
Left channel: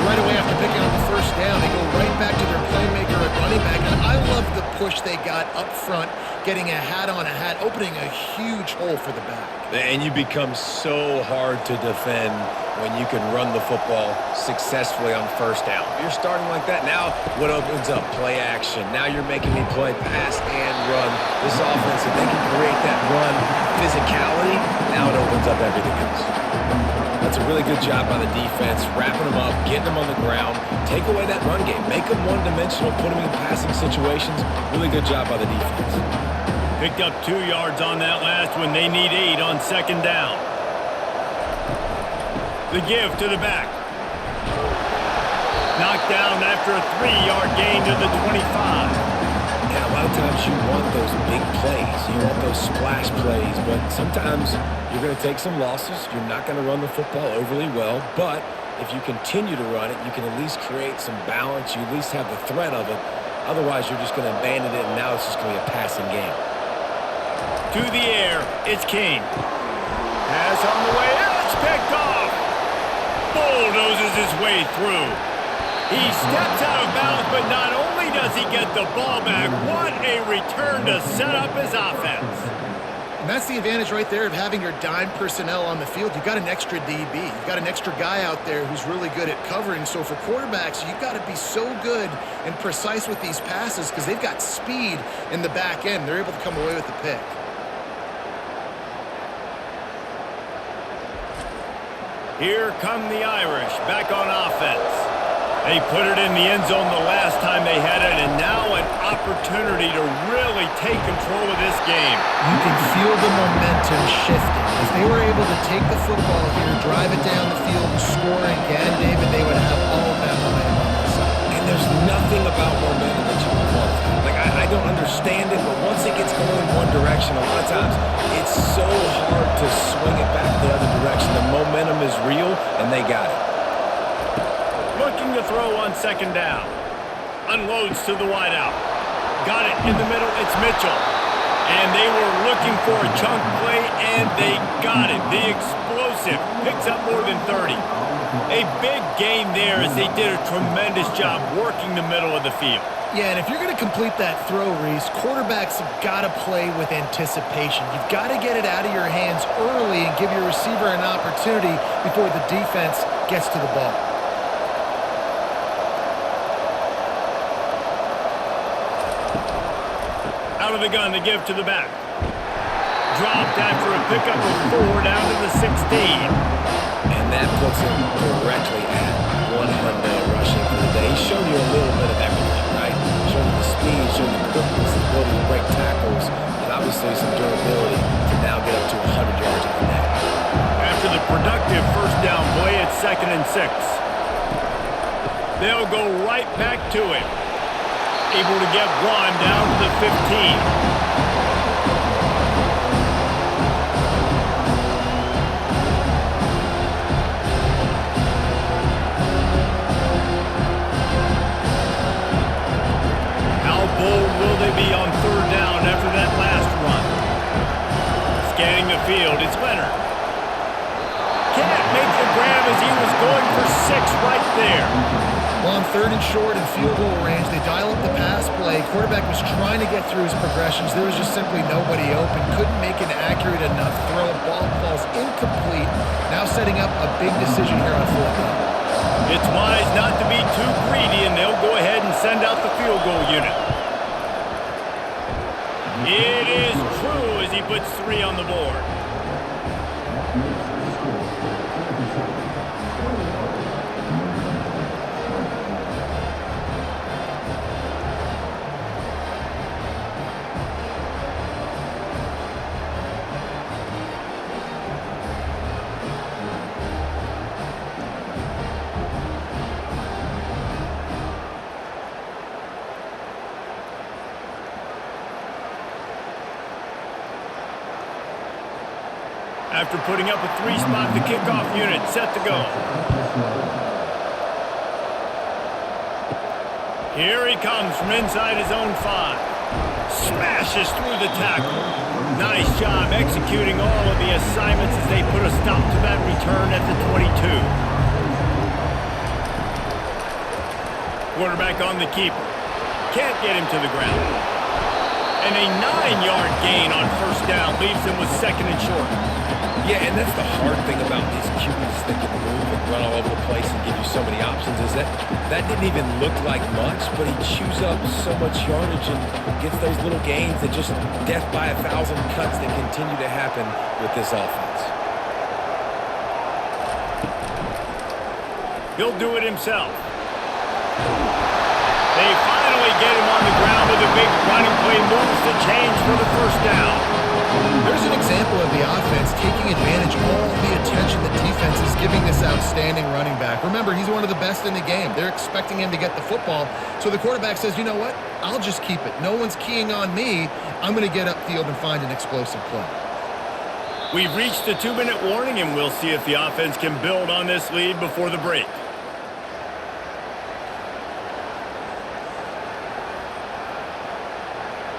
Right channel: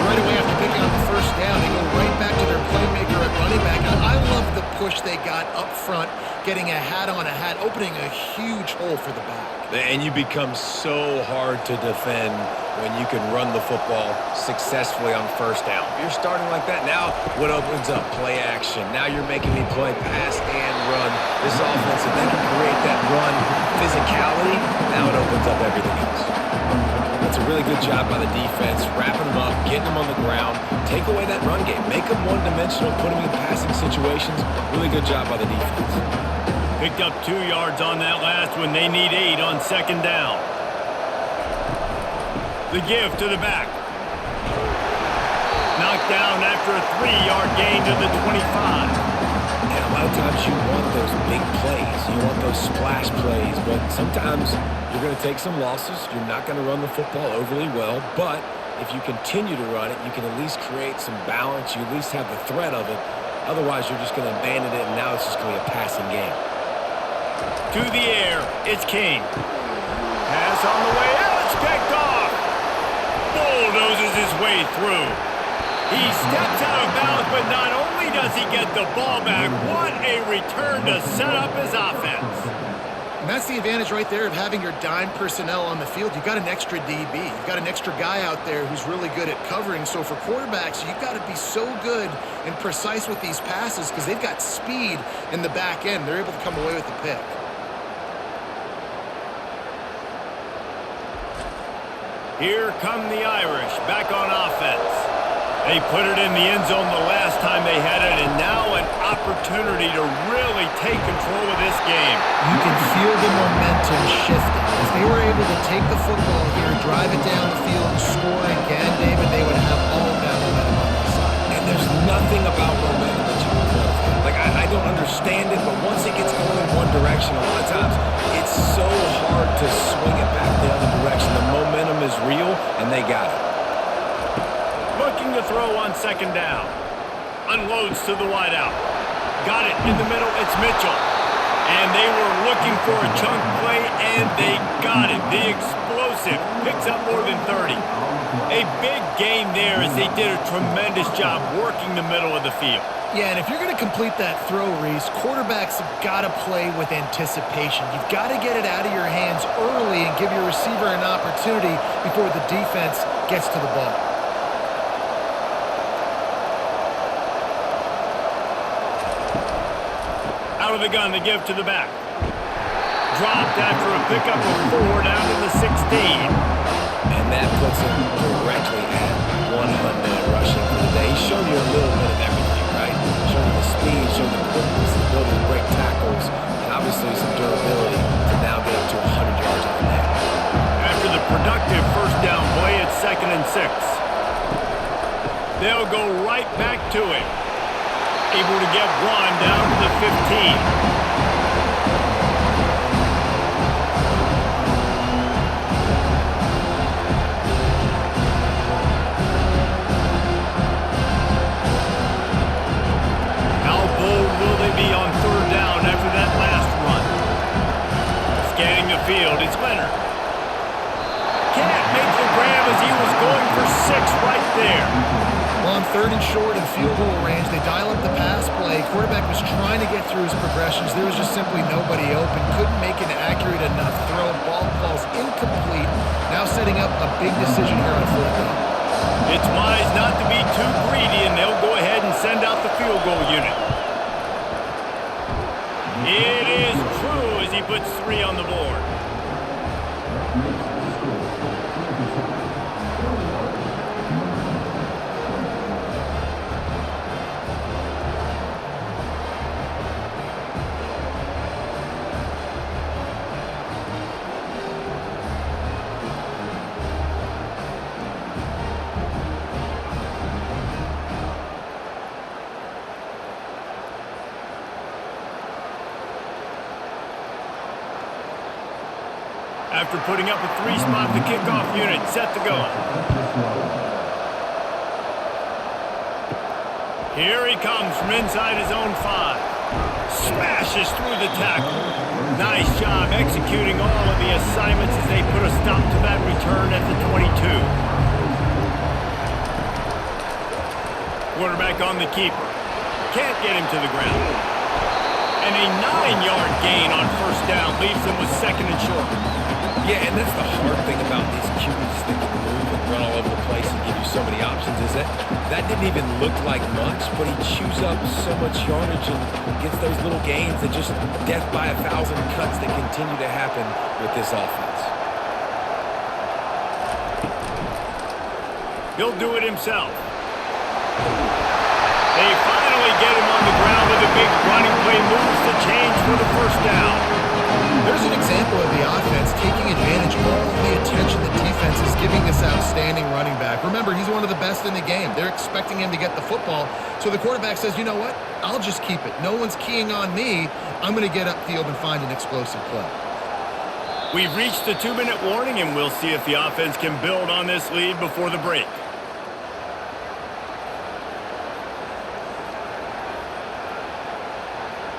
Right away after picking up the first down, they go right back to their playmaker at running back. And I love the push they got up front, getting a hat on a hat, opening a huge hole for the back. And you become so hard to defend when you can run the football successfully on first down. If you're starting like that, now what opens up? Play action. Now you're making me play pass and run. This offense, if they can create that run physicality, now it opens up everything else. That's a really good job by the defense, wrapping them up, getting them on the ground, take away that run game, make them one-dimensional, put them in passing situations. Really good job by the defense. Picked up 2 yards on that last one. They need 8 on 2nd down. The give to the back. Knocked down after a 3-yard gain to the 25. And a lot of times you want those big plays. You want those splash plays. But sometimes you're going to take some losses. You're not going to run the football overly well. But if you continue to run it, you can at least create some balance. You at least have the threat of it. Otherwise, you're just going to abandon it, and now it's just going to be a passing game. To the air, it's King. Pass on the way, it's picked off. Bulldozes his way through. He steps out of bounds, but not only does he get the ball back, what a return to set up his offense. And that's the advantage right there of having your dime personnel on the field. You've got an extra DB. You've got an extra guy out there who's really good at covering. So for quarterbacks, you've got to be so good and precise with these passes because they've got speed in the back end. They're able to come away with the pick. Here come the Irish back on offense. They put it in the end zone the last time they had it, and now an opportunity to really take control of this game. You can feel the momentum shifting. If they were able to take the football here, drive it down the field, and score again, David, they would have all of that momentum on their side. And there's nothing about momentum that you can quantify. Like, I don't understand it, but once it gets going in one direction, a lot of times it's so hard to swing it back the other direction. The momentum is real, and they got it. Looking to throw on 2nd down. Unloads to the wideout. Got it in the middle. It's Mitchell. And they were looking for a chunk play, and they got it. The explosive picks up more than 30. A big gain there as they did a tremendous job working the middle of the field. Yeah, and if you're going to complete that throw, Reese, quarterbacks have got to play with anticipation. You've got to get it out of your hands early and give your receiver an opportunity before the defense gets to the ball. Out of the gun to give to the back. Dropped after a pickup of 4 down to the 16. And that puts him directly at 100 rushing for the day. He's shown you a little bit of everything, right? Shown you the speed, shown you the quickness, the ability to break tackles, and obviously some durability to now get up to 100 yards in the day. After the productive first down play, it's 2nd and 6. They'll go right back to him. Able to get 1 down to the 15. How bold will they be on 3rd down after that last run? Scanning the field, it's Leonard. Can't make the grab as he was going for 6 right there. Well, on 3rd and short and field goal range, they dial up the pass play. Quarterback was trying to get through his progressions. There was just simply nobody open. Couldn't make an accurate enough throw. Ball falls incomplete. Now setting up a big decision here on 4th down. It's wise not to be too greedy, and they'll go ahead and send out the field goal unit. It is true as he puts 3 on the board. That makes the score 27, 21, Notre Dame, 20. After putting up a 3-spot, the kickoff unit set to go. Here he comes from inside his own 5. Smashes through the tackle. Nice job executing all of the assignments as they put a stop to that return at the 22. Quarterback on the keeper. Can't get him to the ground. And a 9-yard gain on 1st down leaves him with 2nd and short. Yeah, and that's the hard thing about these QBs that can move and run all over the place and give you so many options is that didn't even look like much, but he chews up so much yardage and gets those little gains that just death by 1,000 cuts that continue to happen with this offense. He'll do it himself. They finally get him on the ground with a big running play, moves the change for the 1st down. There's an example of the offense taking advantage of all the attention the defense is giving this outstanding running back. Remember, he's one of the best in the game. They're expecting him to get the football. So the quarterback says, you know what? I'll just keep it. No one's keying on me. I'm going to get upfield and find an explosive play. We've reached the 2-minute warning, and we'll see if the offense can build on this lead before the break.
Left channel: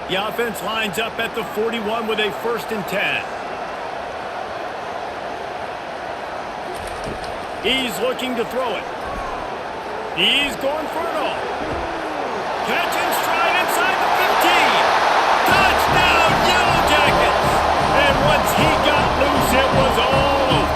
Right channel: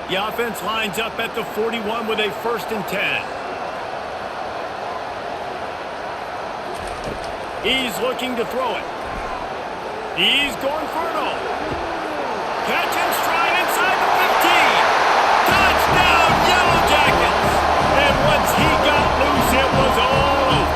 The offense lines up at the 41 with a 1st and 10. He's looking to throw it. He's going for it all. Catch and stride inside the 15. Touchdown, Yellow Jackets. And once he got loose, it was all over.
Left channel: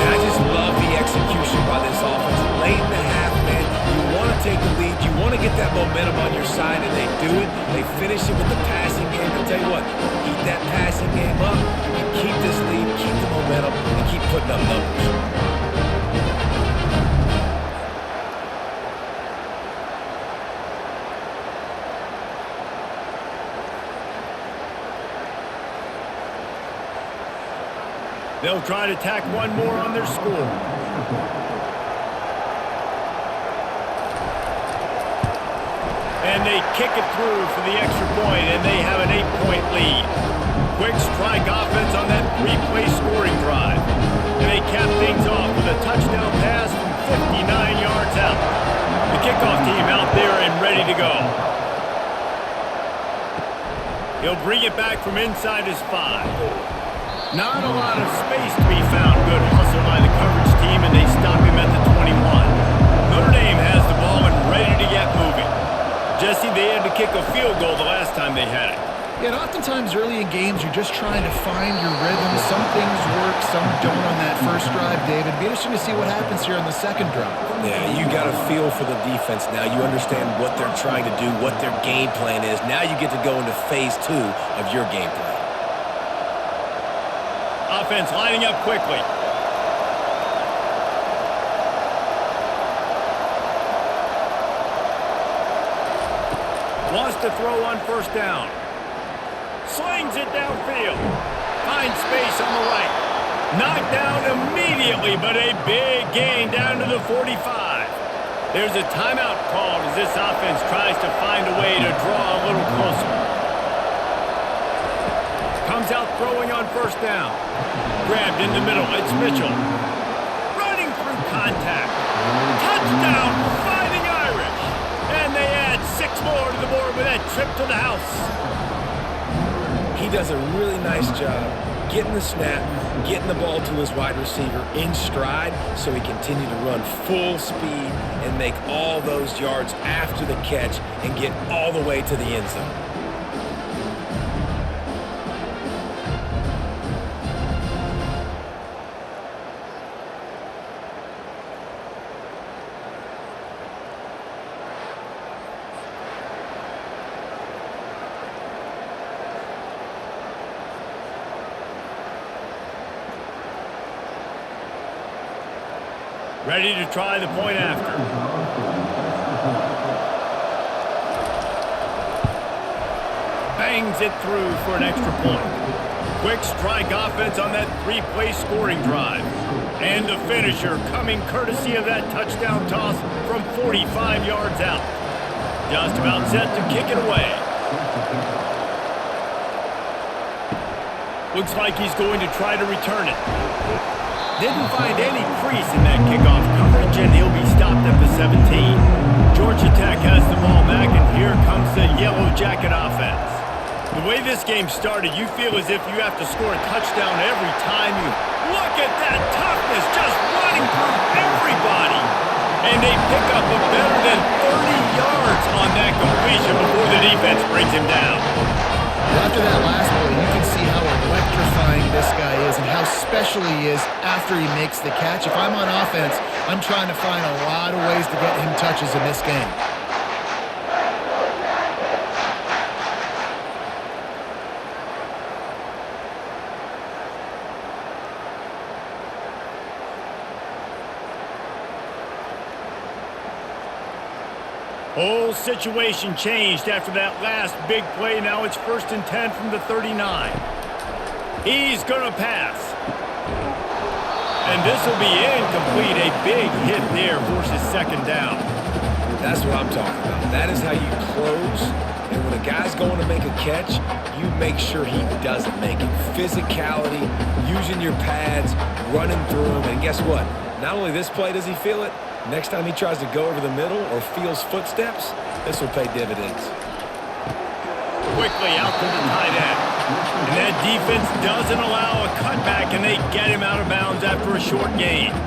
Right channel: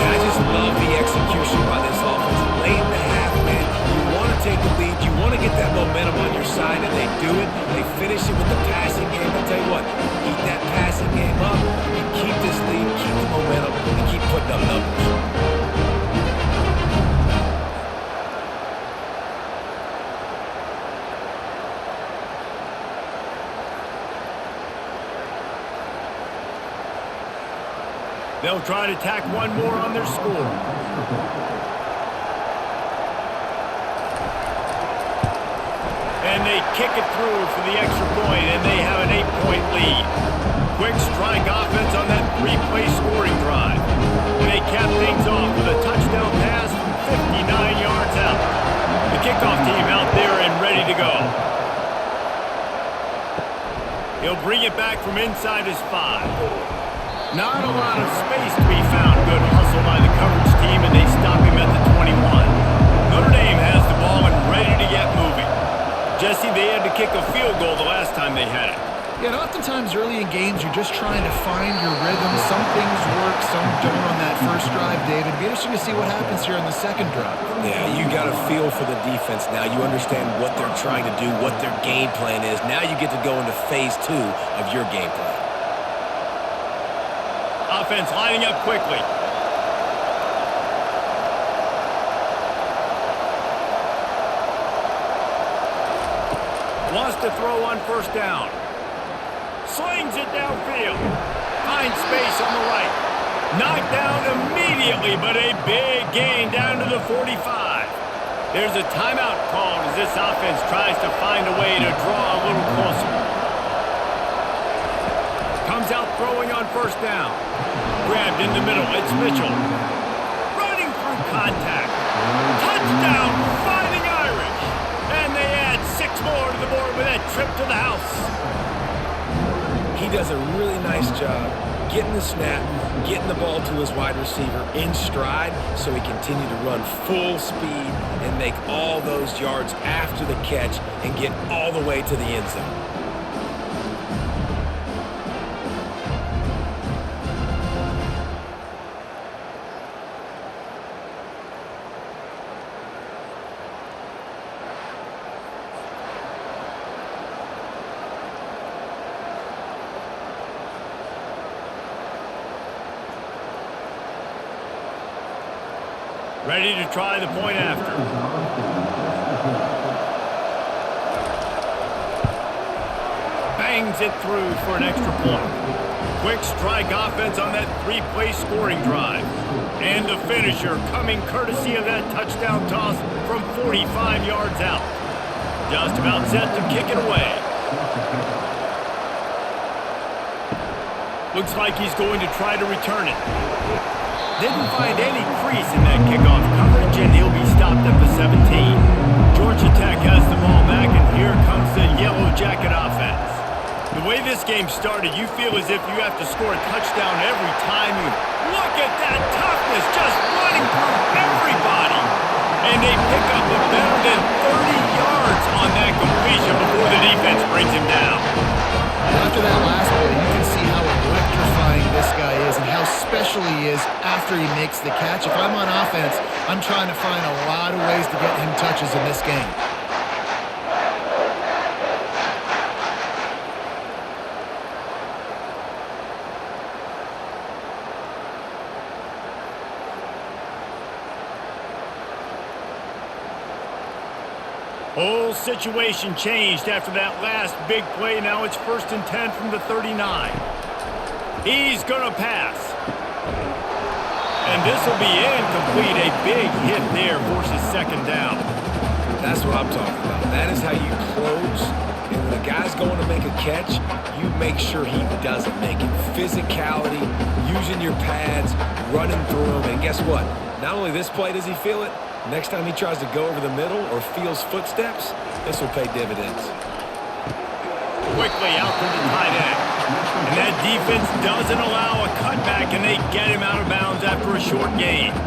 And I just love the execution by this offense. Late in the half, man, you want to take the lead. You want to get that momentum on your side, and they do it. They finish it with the passing game. I'll tell you what, keep that passing game up. You can keep this lead, keep the momentum, and keep putting up numbers. They'll try to tack one more on their score. And they kick it through for the extra point, and they have an 8-point lead. Quick strike offense on that 3-play scoring drive. And they cap things off with a touchdown pass from 59 yards out. The kickoff team out there and ready to go. He'll bring it back from inside his 5. Not a lot of space to be found. Good hustle by the coverage team, and they stop him at the 21. Notre Dame has the ball and ready to get moving. Jesse, they had to kick a field goal the last time they had it. Yeah, and oftentimes early in games, you're just trying to find your rhythm. Some things work, some don't on that first drive, David. It'd be interesting to see what happens here in the second drive. Yeah, you got a feel for the defense now. You understand what they're trying to do, what their game plan is. Now you get to go into phase 2 of your game plan. Offense lining up quickly. Wants to throw on 1st down. Slings it downfield. Finds space on the right. Knocked down immediately, but a big gain down to the 45. There's a timeout called as this offense tries to find a way to draw a little closer. Comes out throwing on 1st down. Grabbed in the middle. It's Mitchell. Running through contact. Touchdown, Fighting Irish. And they add 6 more to the board with that trip to the house. He does a really nice job getting the snap, getting the ball to his wide receiver in stride so he continued to run full speed and make all those yards after the catch and get all the way to the end zone. Ready to try the point after. Bangs it through for an extra point. Quick strike offense on that three-play scoring drive. And the finisher coming courtesy of that touchdown toss from 45 yards out. Just about set to kick it away. Looks like he's going to try to return it. Didn't find any crease in that kickoff coverage, and he'll be stopped at the 17. Georgia Tech has the ball back, and here comes the Yellow Jacket offense. The way this game started, you feel as if you have to score a touchdown every time you look at that toughness just running through everybody. And they pick up a better than 30 yards on that completion before the defense brings him down. Well, after that last play, you can see how electrifying this guy is and how special he is after he makes the catch. If I'm on offense, I'm trying to find a lot of ways to get him touches in this game. Whole situation changed after that last big play. Now it's 1st and 10 from the 39. He's going to pass. And this will be incomplete. A big hit there forces 2nd down. That's what I'm talking about. That is how you close. And when a guy's going to make a catch, you make sure he doesn't make it. Physicality, using your pads, running through them. And guess what? Not only this play does he feel it, next time he tries to go over the middle or feels footsteps, this will pay dividends. Quickly out to the tight end. And that defense doesn't allow a cutback, and they get him out of bounds after a short gain.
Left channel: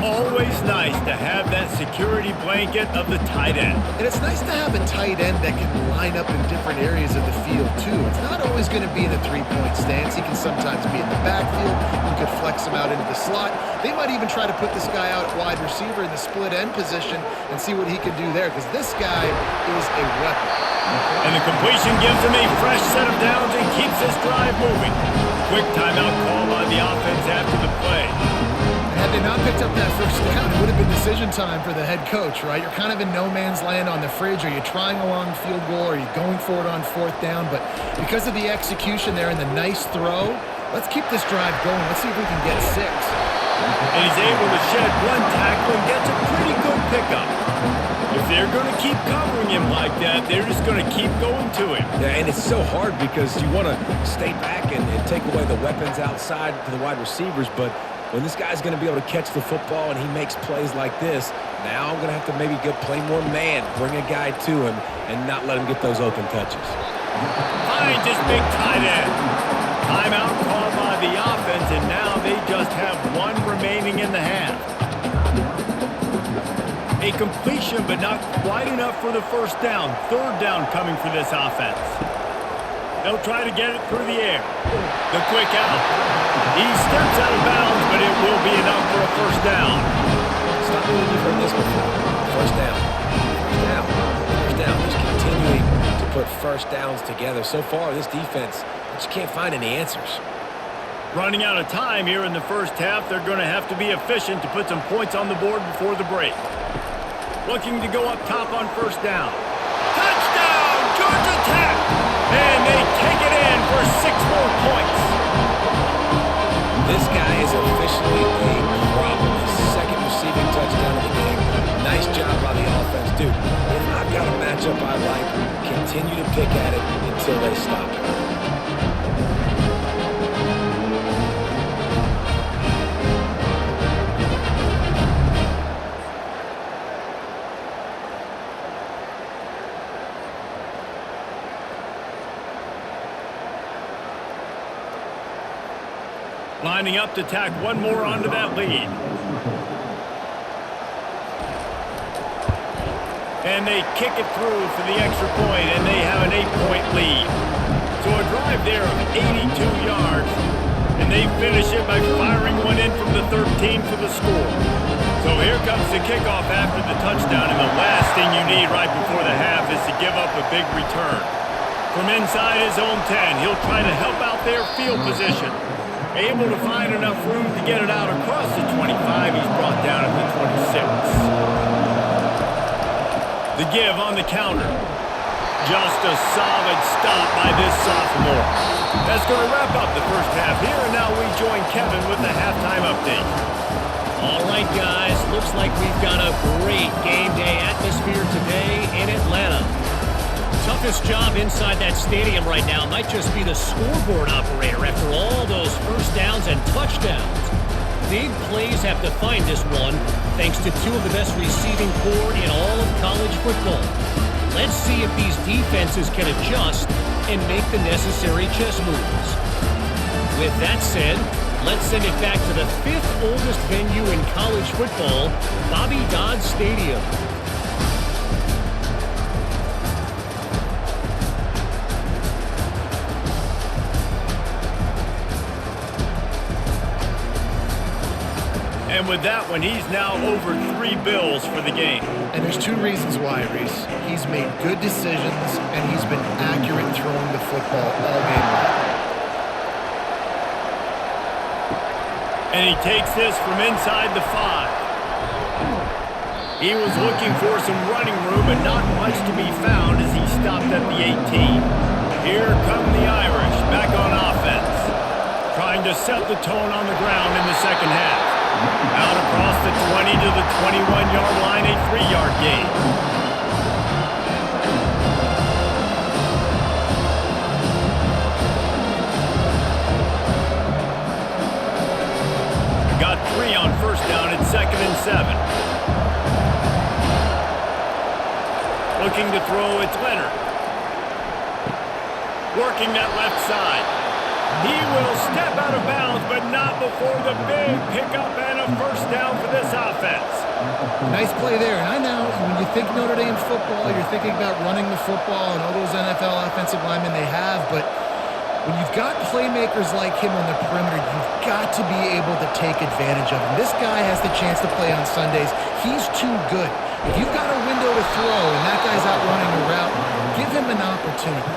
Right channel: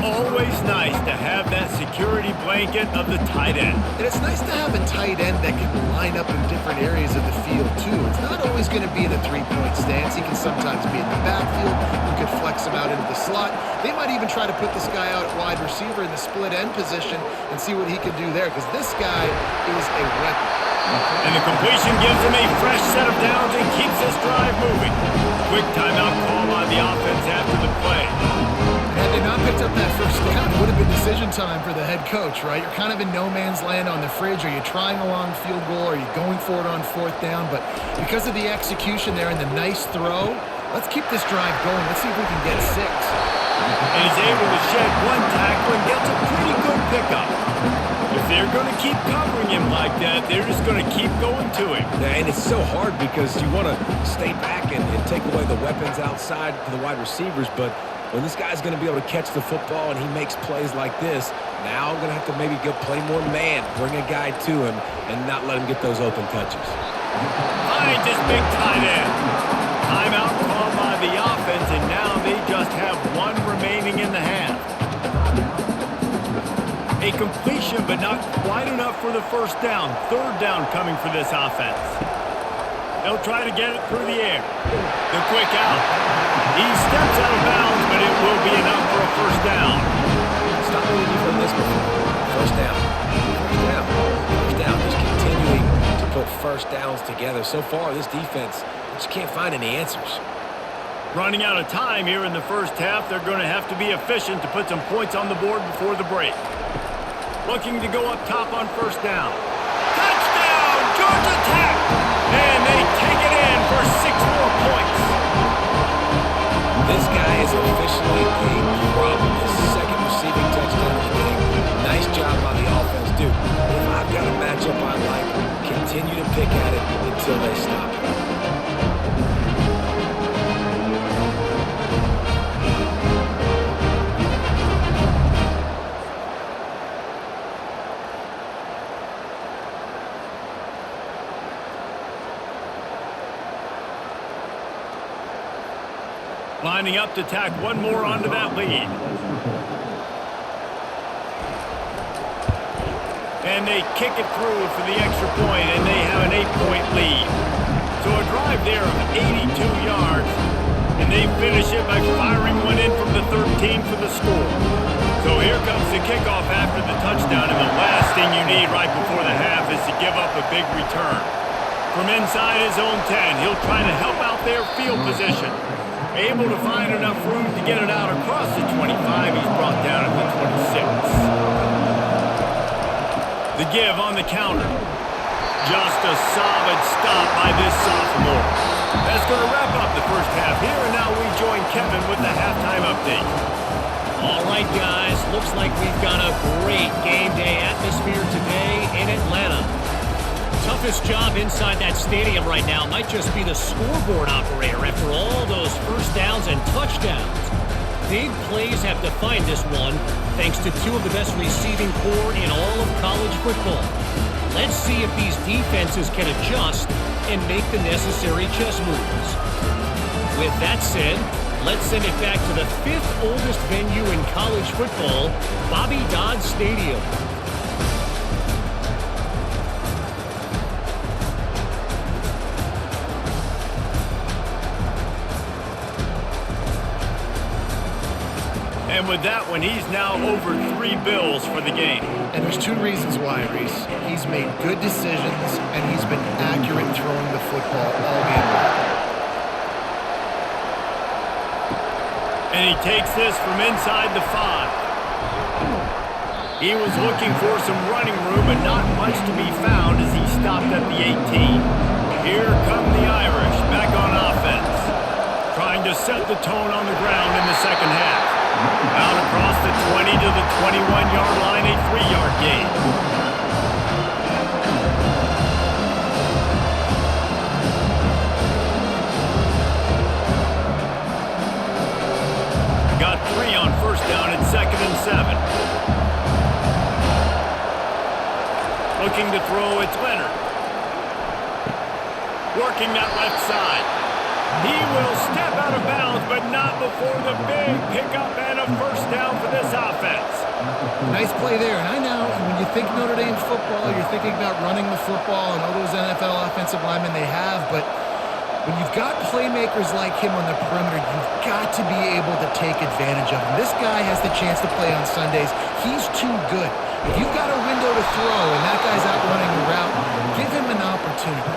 Always nice to have that security blanket of the tight end. And it's nice to have a tight end that can line up in different areas of the field, too. It's not always going to be in a three-point stance. He can sometimes be in the backfield. You could flex him out into the slot. They might even try to put this guy out at wide receiver in the split end position and see what he can do there, because this guy is a weapon. And the completion gives him a fresh set of downs and keeps this drive moving. Quick timeout call by the offense after the play. And had they not picked up that first down, it would have been decision time for the head coach, right? You're kind of in no man's land on the fridge. Are you trying a long field goal? Are you going for it on 4th down? But because of the execution there and the nice throw, let's keep this drive going. Let's see if we can get 6. And he's able to shed one tackle and gets a pretty good pickup. If they're going to keep covering him like that, they're just going to keep going to him. Yeah, and it's so hard because you want to stay back and take away the weapons outside to the wide receivers, but when this guy's going to be able to catch the football and he makes plays like this, now I'm going to have to maybe go play more man, bring a guy to him, and not let him get those open touches. Finds his big tight end. Timeout called by the offense, and now they just have 1 remaining in the half. A completion, but not quite enough for the 1st down. 3rd down coming for this offense. They'll try to get it through the air. The quick out. He steps out of bounds, but it will be enough for a 1st down. Stop me when you've heard this before. 1st down. 1st down. 1st down. Just continuing to put 1st downs together. So far, this defense just can't find any answers. Running out of time here in the 1st half, they're going to have to be efficient to put some points on the board before the break. Looking to go up top on 1st down. Touchdown, Georgia Tech! And they take it in for 6 more points. This guy is officially a problem. His 2nd receiving touchdown of the game. Nice job by the offense. Dude, if I've got a matchup I like, continue to pick at it until they stop it. Lining up to tack one more onto that lead. And they kick it through for the extra point, and they have an 8-point lead. So a drive there of 82 yards, and they finish it by firing one in from the 13 for the score. So here comes the kickoff after the touchdown, and the last thing you need right before the half is to give up a big return. From inside his own 10, he'll try to help out their field position. Able to find enough room to get it out across the 25, he's brought down at the 26. The give on the counter. Just a solid stop by this sophomore. That's going to wrap up the first half here, and now we join Kevin with the halftime update. All right, guys, looks like we've got a great game day atmosphere today in Atlanta. Toughest job inside that stadium right now might just be the scoreboard operator after all those first downs and touchdowns. Big plays have defined this one, thanks to two of the best receiving corps in all of college football. Let's see if these defenses can adjust and make the necessary chess moves. With that said, let's send it back to the fifth oldest venue in college football, Bobby Dodd Stadium. And with that one, he's now over 3 bills for the game. And there's two reasons why, Reese. He's made good decisions, and he's been accurate throwing the football all game long. And he takes this from inside the 5. He was looking for some running room, but not much to be found as he stopped at the 18. Here come the Irish back on offense, trying to set the tone on the ground in the second half. Out across the 20 to the 21-yard line, a 3-yard gain. Got 3 on first down at 2nd and 7. Looking to throw, it's Leonard. Working that left side. He will step out of bounds, but not before the big pickup and a first down for this offense. Nice play there. And I know when you think Notre Dame football, you're thinking about running the football and all those NFL offensive linemen they have. But when you've got playmakers like him on the perimeter, you've got to be able to take advantage of him. This guy has the chance to play on Sundays. He's too good. If you've got a window to throw and that guy's out running a route, give him an opportunity.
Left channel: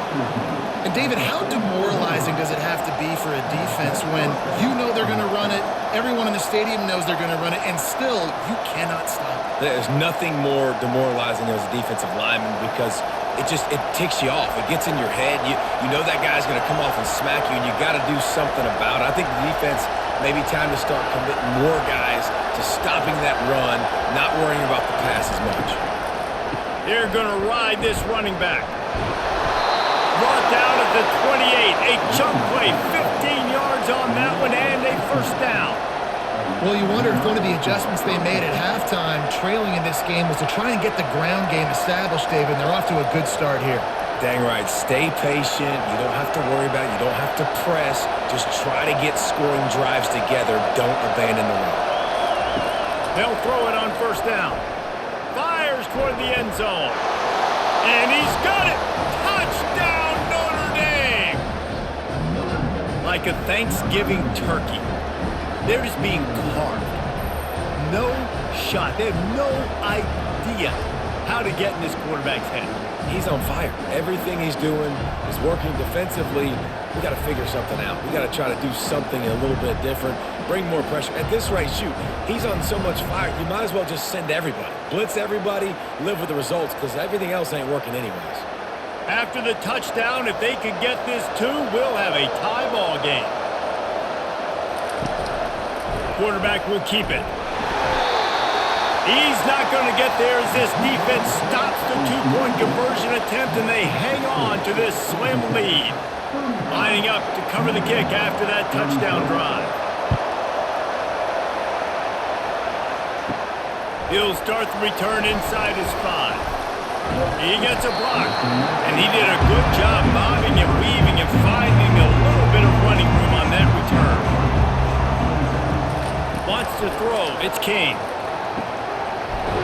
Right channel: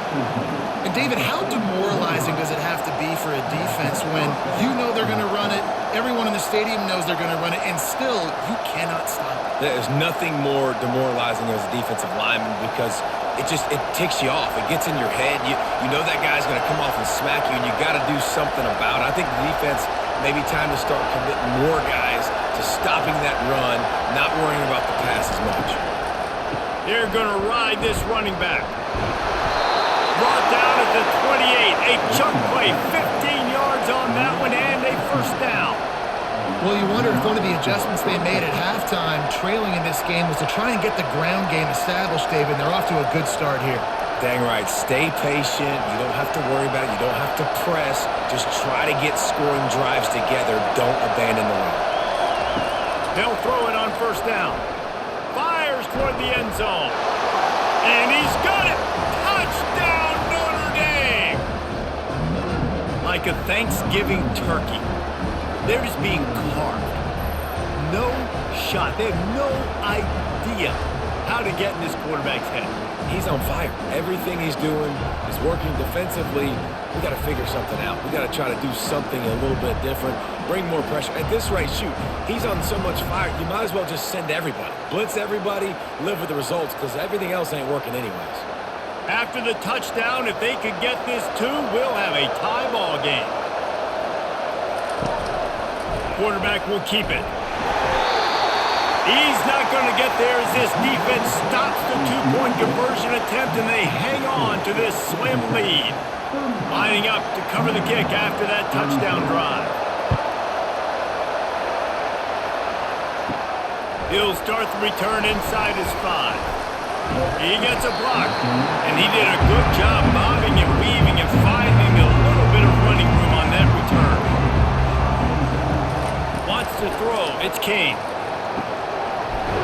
And David, how demoralizing does it have to be for a defense when you know they're going to run it, everyone in the stadium knows they're going to run it, and still you cannot stop it? There's nothing more demoralizing as a defensive lineman because it ticks you off. It gets in your head. You know that guy's going to come off and smack you, and you got to do something about it. I think the defense maybe time to start committing more guys to stopping that run, not worrying about the pass as much. They're going to ride this running back. Brought down at the 28. A chunk play, 15 yards on that one, and a first down. Well, you wonder if one of the adjustments they made at halftime, trailing in this game, was to try and get the ground game established, David. They're off to a good start here. Dang right. Stay patient. You don't have to worry about it. You don't have to press. Just try to get scoring drives together. Don't abandon the run. They'll throw it on first down. Fires toward the end zone. And he's got it. Touchdown, Notre Dame. Like a Thanksgiving turkey. They're just being carved. No shot. They have no idea how to get in this quarterback's head. He's on fire. Everything he's doing is working defensively. We got to figure something out. We got to try to do something a little bit different, bring more pressure. At this rate, shoot, he's on so much fire, you might as well just send everybody. Blitz everybody, live with the results, because everything else ain't working anyways. After the touchdown, if they could get this too, we'll have a tie ball game. Quarterback will keep it. He's not going to get there as this defense stops the two-point conversion attempt, and they hang on to this slim lead. Lining up to cover the kick after that touchdown drive. He'll start the return inside his 5. He gets a block, and he did a good job bobbing and weaving and finding a little bit of running room on that return. wants to throw. It's Kane.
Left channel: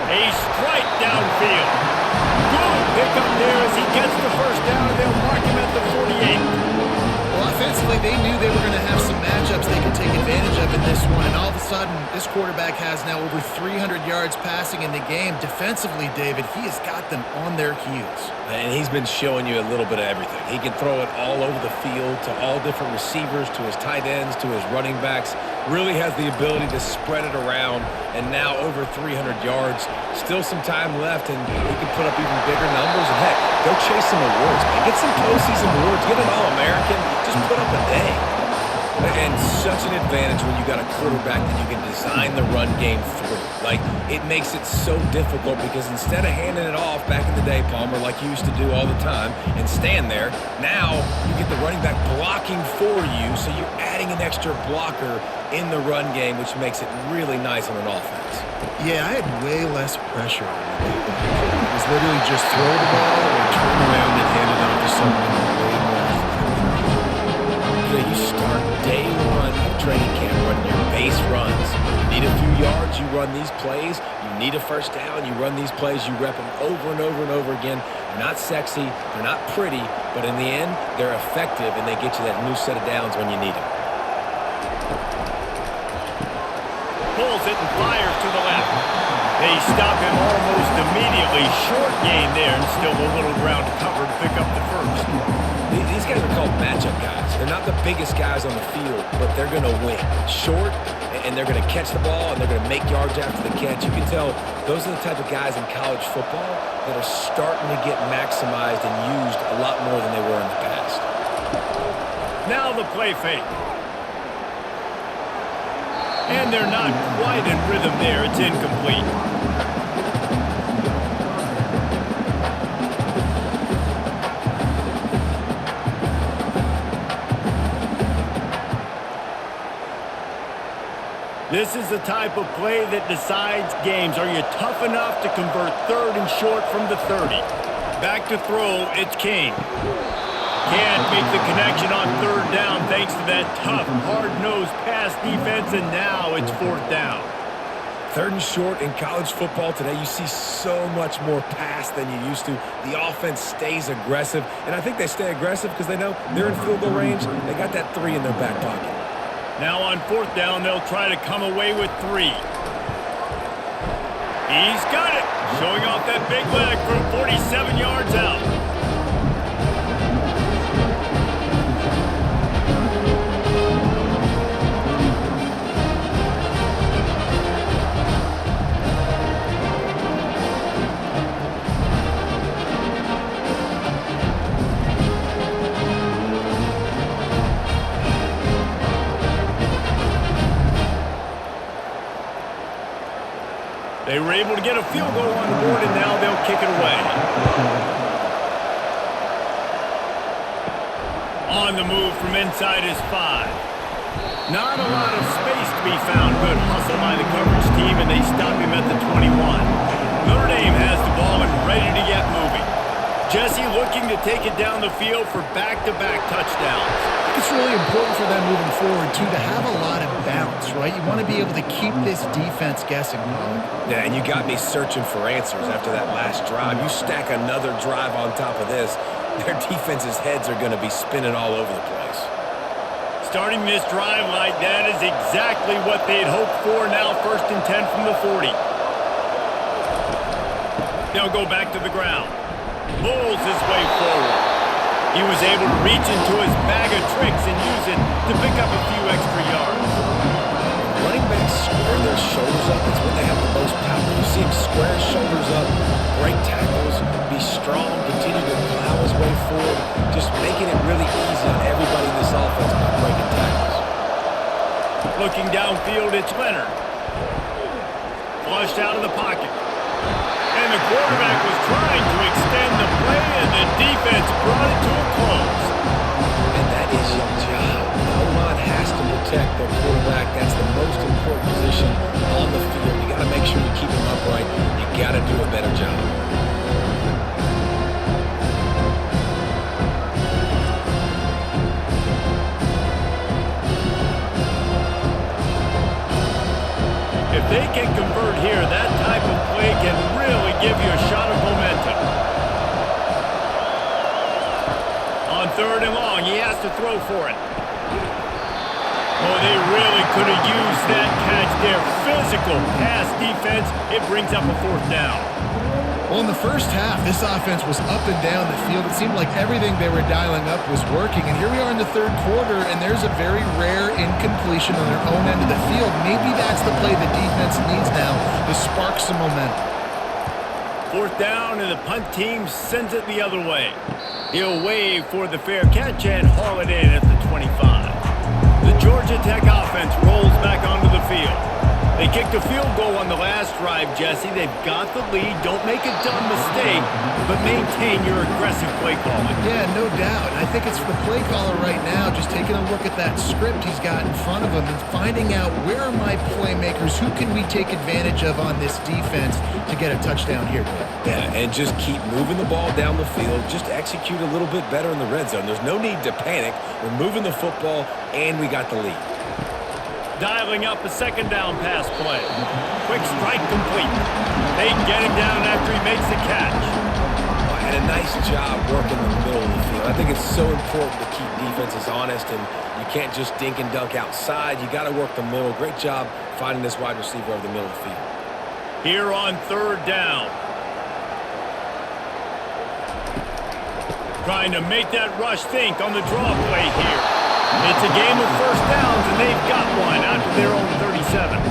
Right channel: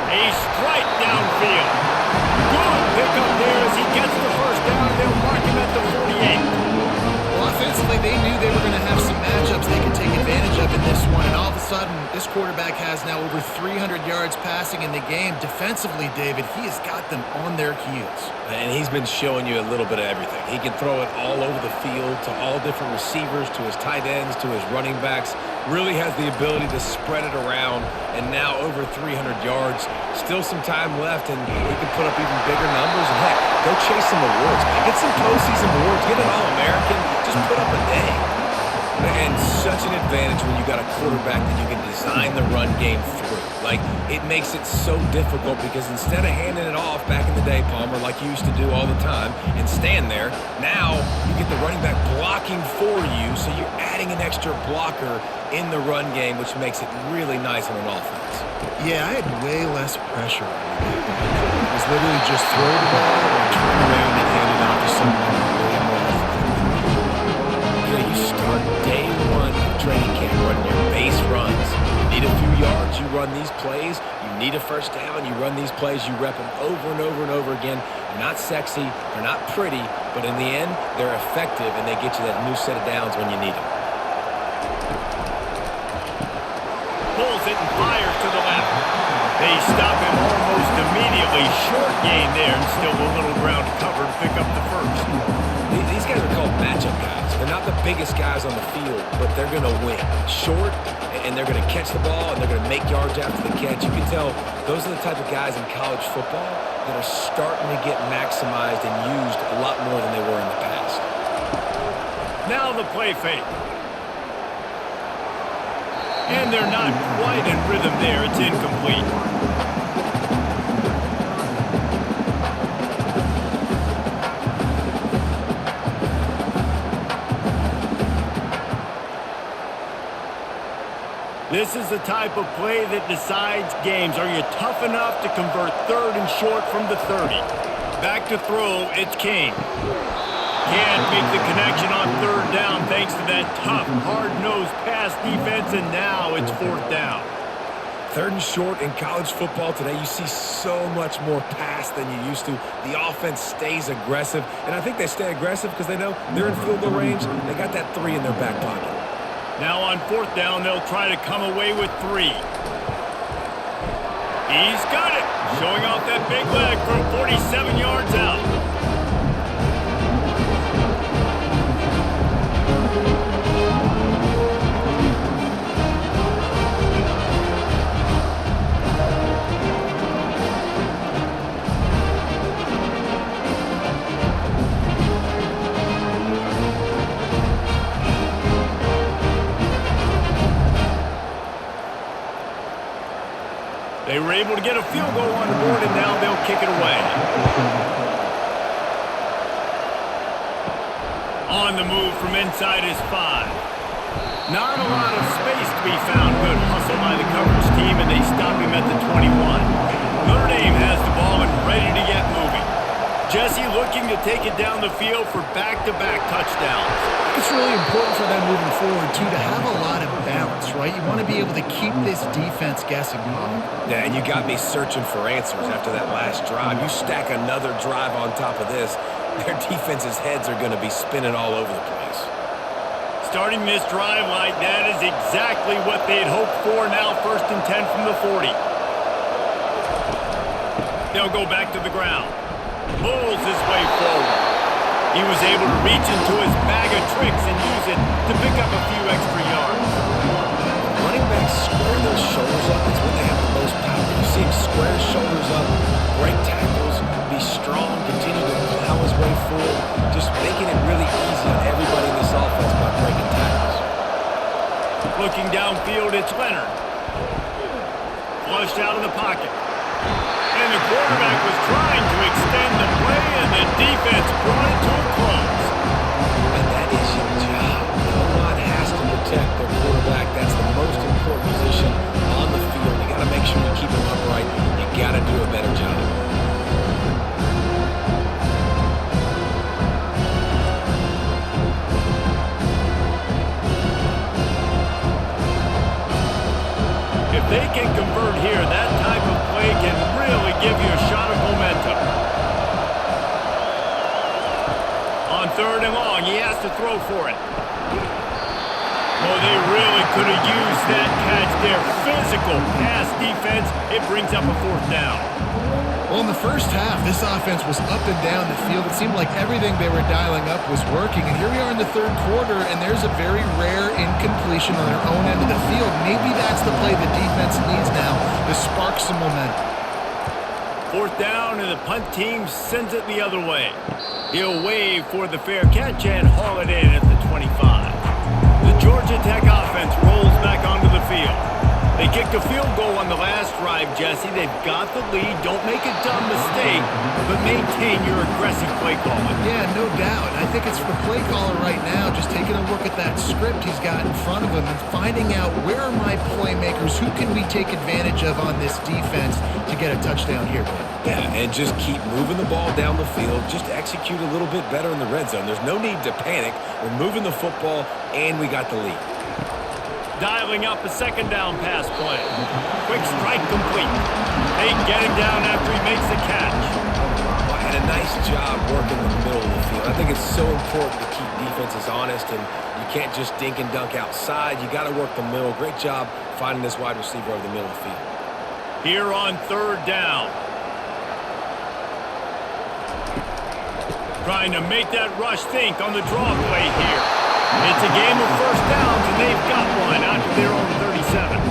A strike downfield. Good pickup there as he gets the first down, and they'll mark him at the 48. Well, offensively, they knew they were going to have some matchups they could take advantage of in this one, and all of a sudden, this quarterback has now over 300 yards passing in the game. Defensively, David, he has got them on their heels. And he's been showing you a little bit of everything. He can throw it all over the field to all different receivers, to his tight ends, to his running backs. Really has the ability to spread it around, and now over 300 yards. Still some time left, and he can put up even bigger numbers. And, heck, go chase some awards, man. Get some postseason awards. Get an All-American. Just put up a day. And such an advantage when you got a quarterback that you can design the run game through. Like, it makes it so difficult because instead of handing it off back in the day, Palmer, like you used to do all the time, and stand there, now you get the running back blocking for you, so you're adding an extra blocker in the run game, which makes it really nice on an offense. Yeah, I had way less pressure on me. It was literally just throw the ball or turn around and hand it off to someone way more athletic than me. You know, you start day one of training camp running your base runs. You need a few yards, you run these plays. You need a first down, you run these plays. You rep them over and over and over again. They're not sexy, they're not pretty, but in the end, they're effective, and they get you that new set of downs when you need them. Pulls it and fires to the left. They stop him almost immediately. Short gain there, and still a little ground to cover to pick up the first. These guys are called matchup guys. They're not the biggest guys on the field, but they're going to win. Short, and they're going to catch the ball, and they're going to make yards after the catch. You can tell those are the type of guys in college football that are starting to get maximized and used a lot more than they were in the past. Now the play fake. And they're not quite in rhythm there. It's incomplete. This is the type of play that decides games. Are you tough enough to convert third and short from the 30? Back to throw, it's Kane. Can't make the connection on third down thanks to that tough, hard-nosed pass defense, and now it's fourth down. Third and short in college football today, you see so much more pass than you used to. The offense stays aggressive, and I think they stay aggressive because they know they're in field goal range. They got that 3 in their back pocket. Now on fourth down, they'll try to come away with 3. He's got it, showing off that big leg from 47 yards out. They were able to get a field goal on the board, and now they'll kick it away. On the move from inside his 5. Not a lot of space to be found. Good hustle by the coverage team, and they stop him at the 21. Notre Dame has the ball and ready to get moving. Jesse looking to take it down the field for back-to-back touchdowns. I think it's really important for them moving forward, too, to have a lot of balance, right? You want to be able to keep this defense guessing, Pollock. Yeah, and you got me searching for answers after that last drive. You stack another drive on top of this, their defense's heads are going to be spinning all over the place. Starting this drive like that is exactly what they'd hoped for. Now 1st and 10 from the 40. They'll go back to the ground. Pulls his way forward. He was able to reach into his bag of tricks and use it to pick up a few extra yards. Running backs square their shoulders up. It's when they have the most power. You see him square his shoulders up, break tackles, be strong, continue to plow his way forward, just making it really easy on everybody in this offense by breaking tackles. Looking downfield, it's Leonard. Flushed out of the pocket. And the quarterback was trying to extend the play, and the defense brought it to a close. And that is your job. The O-line has to protect their quarterback. That's the most important position on the field. You got to make sure you keep him upright. You got to do a better job. they can convert here, that type of play can really give you a shot of momentum. On 3rd and long, he has to throw for it. Oh, they really could have used that catch there. Physical pass defense. It brings up a 4th down. Well, in the first half, this offense was up and down the field. It seemed like everything they were dialing up was working. And here we are in the 3rd quarter, and there's a very rare incompletion on their own end of the field. Maybe that's the play the defense needs now to spark some momentum. 4th down, and the punt team sends it the other way. He'll wave for the fair catch and haul it in at the 25. The Georgia Tech offense rolls back onto the field. They kicked a field goal on the last drive, Jesse. They've got the lead. Don't make a dumb mistake, but maintain your aggressive play calling. Yeah, no doubt. And I think it's the play caller right now just taking a look at that script he's got in front of him and finding out where are my playmakers, who can we take advantage of on this defense to get a touchdown here, Dave. Yeah, and just keep moving the ball down the field. Just execute a little bit better in the red zone. There's no need to panic. We're moving the football, and we got the lead. Dialing up a 2nd down pass play. Quick strike complete. They get him down after he makes the catch. Well, and a nice job working the middle of the field. I think it's so important to keep defenses honest, and you can't just dink and dunk outside. You got to work the middle. Great job finding this wide receiver over the middle of the field. Here on 3rd down. Trying to make that rush think on the draw play here. It's a game of 1st downs, and they've got one out to their own 37.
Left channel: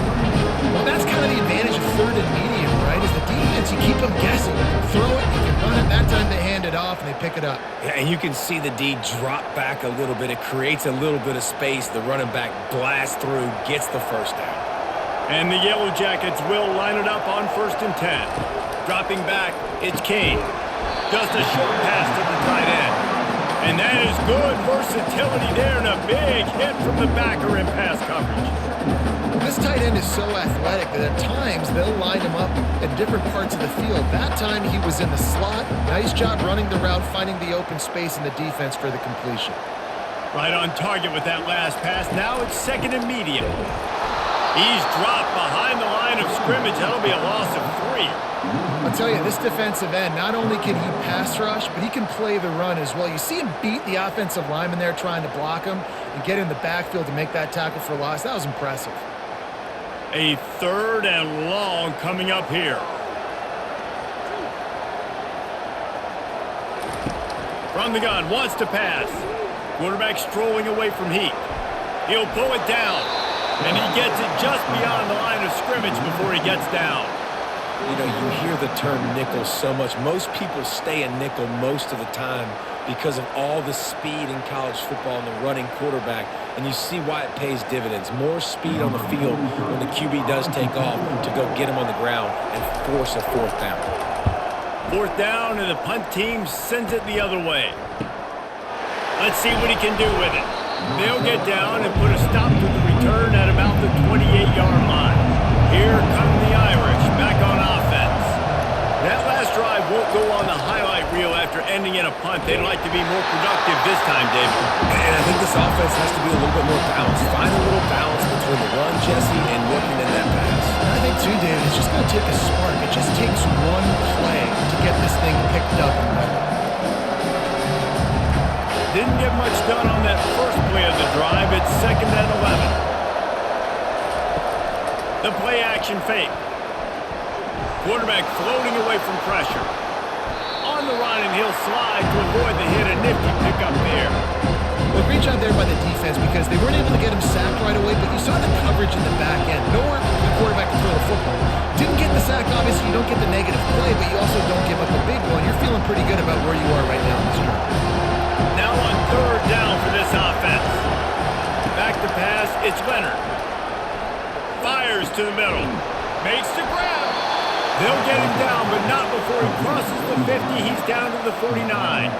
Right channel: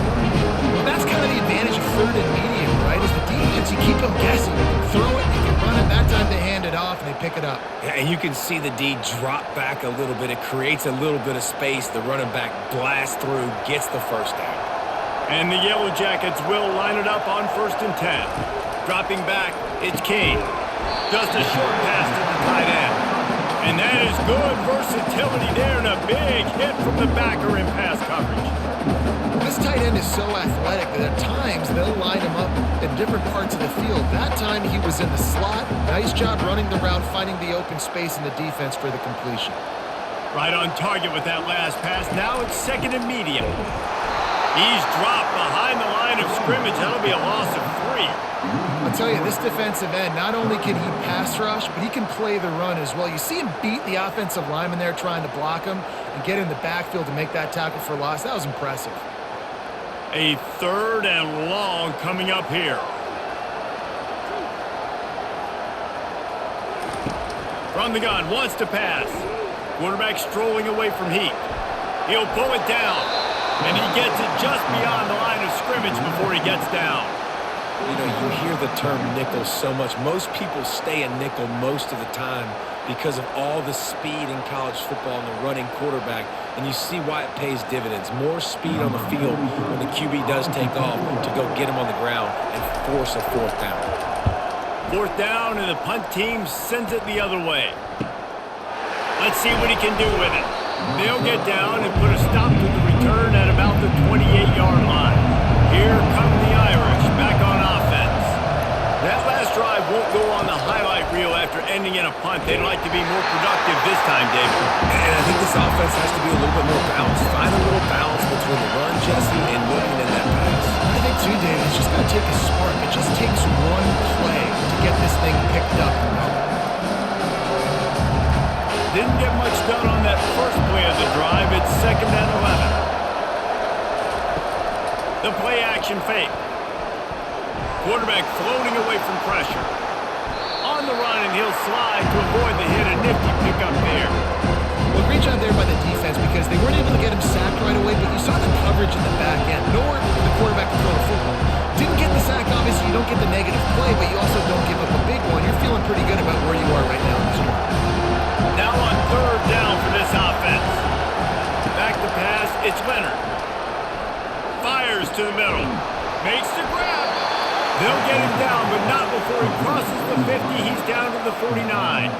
Well, that's kind of the advantage of 3rd and medium, right? Is the defense, you keep them guessing. You can throw it, you can run it. That time they hand it off, and they pick it up. Yeah, and you can see the D drop back a little bit. It creates a little bit of space. The running back blasts through, gets the 1st down. And the Yellow Jackets will line it up on 1st and 10. Dropping back, it's Kane. Just a short pass to the tight end. And that is good versatility there, and a big hit from the backer in pass coverage. Well, this tight end is so athletic that at times they'll line him up in different parts of the field. That time he was in the slot. Nice job running the route, finding the open space in the defense for the completion. Right on target with that last pass. Now it's 2nd and medium. He's dropped behind the line of scrimmage. That'll be a loss of 3. I'll tell you, this defensive end, not only can he pass rush, but he can play the run as well. You see him beat the offensive lineman there trying to block him and get in the backfield to make that tackle for loss. That was impressive. A 3rd and long coming up here. From the gun, wants to pass. Quarterback strolling away from heat. He'll pull it down, and he gets it just beyond the line of scrimmage before he gets down. You know, you hear the term nickel so much. Most people stay in nickel most of the time because of all the speed in college football and the running quarterback. And you see why it pays dividends. More speed on the field when the QB does take off to go get him on the ground and force a 4th down. 4th down, and the punt team sends it the other way. Let's see what he can do with it. They'll get down and put a stop to the return at about the 28-yard line. Here come the Irish back on offense. That last drive won't go on the highlight reel after ending in a punt. They'd like to be more productive this time, David. And I think this offense has to be a little bit more balanced. Find a little balance between the run, Jesse, and working in that pass. And I think, too, David, it's just going to take a spark. It just takes one play to get this thing picked up and going. Didn't get much done on that first play of the drive. It's 2nd and 11. The play action fake. Quarterback floating away from pressure. On the run, and he'll slide to avoid the hit. A nifty pickup there. Well, great job there by the defense because they weren't able to get him sacked right away, but you saw the coverage in the back end. Nowhere for the quarterback to throw the football. Didn't get the sack, obviously. You don't get the negative play, but you also don't give up a big one. You're feeling pretty good about where you are right now in this drive. Now on 3rd down for this offense. Back to pass, it's Leonard. Fires to the middle. Makes the grab. They'll get him down, but not before he crosses the 50. He's down to the 49.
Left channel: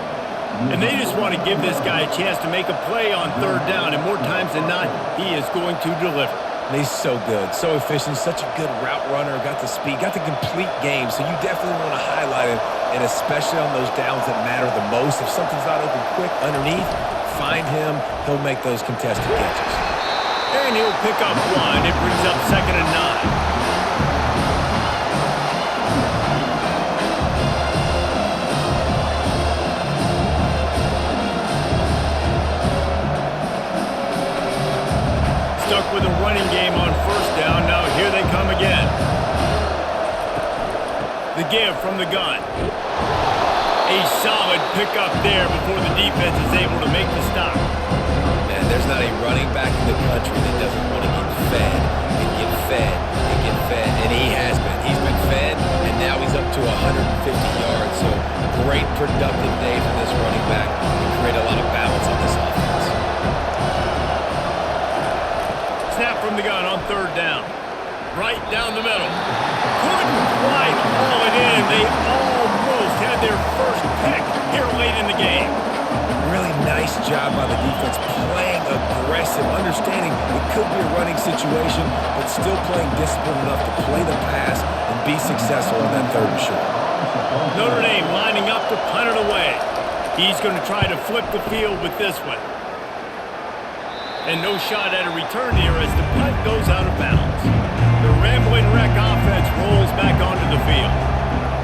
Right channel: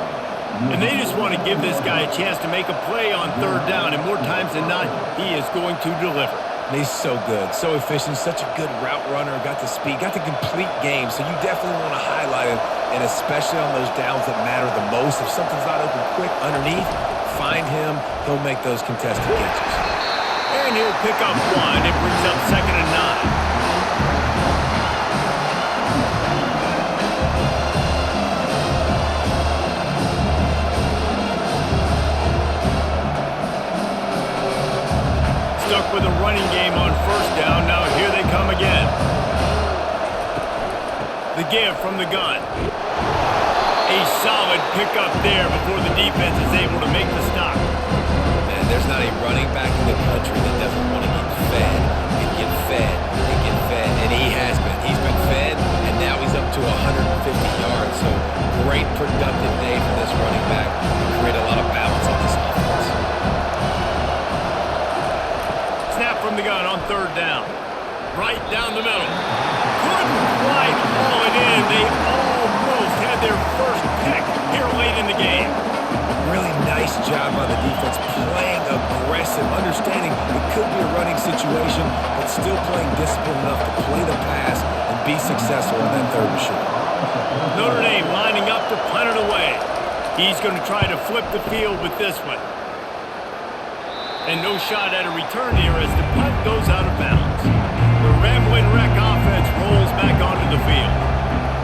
And they just want to give this guy a chance to make a play on 3rd down, and more times than not, he is going to deliver. And he's so good, so efficient, such a good route runner, got the speed, got the complete game. So you definitely want to highlight it, and especially on those downs that matter the most. If something's not open quick underneath, find him. He'll make those contested catches. And he'll pick up one. It brings up 2nd and 9. stuck with a running game on first down. Now here they come again. The give from the gun. A solid pickup there before the defense is able to make the stop. Man, there's not a running back in the country that doesn't want to get fed and get fed and get fed. And he has been. He's been fed, and now he's up to 150 yards. So great productive day for this running back and create a lot of balance on this offense. Snap from the gun on third down. Right down the middle. Couldn't quite haul it in. They almost had their first pick here late in the game. Really nice job by the defense, playing aggressive, understanding it could be a running situation, but still playing disciplined enough to play the pass and be successful on that third and short. Notre Dame lining up to punt it away. He's going to try to flip the field with this one. And no shot at a return here as the punt goes out of bounds. The Rambling Wreck offense rolls back onto the field.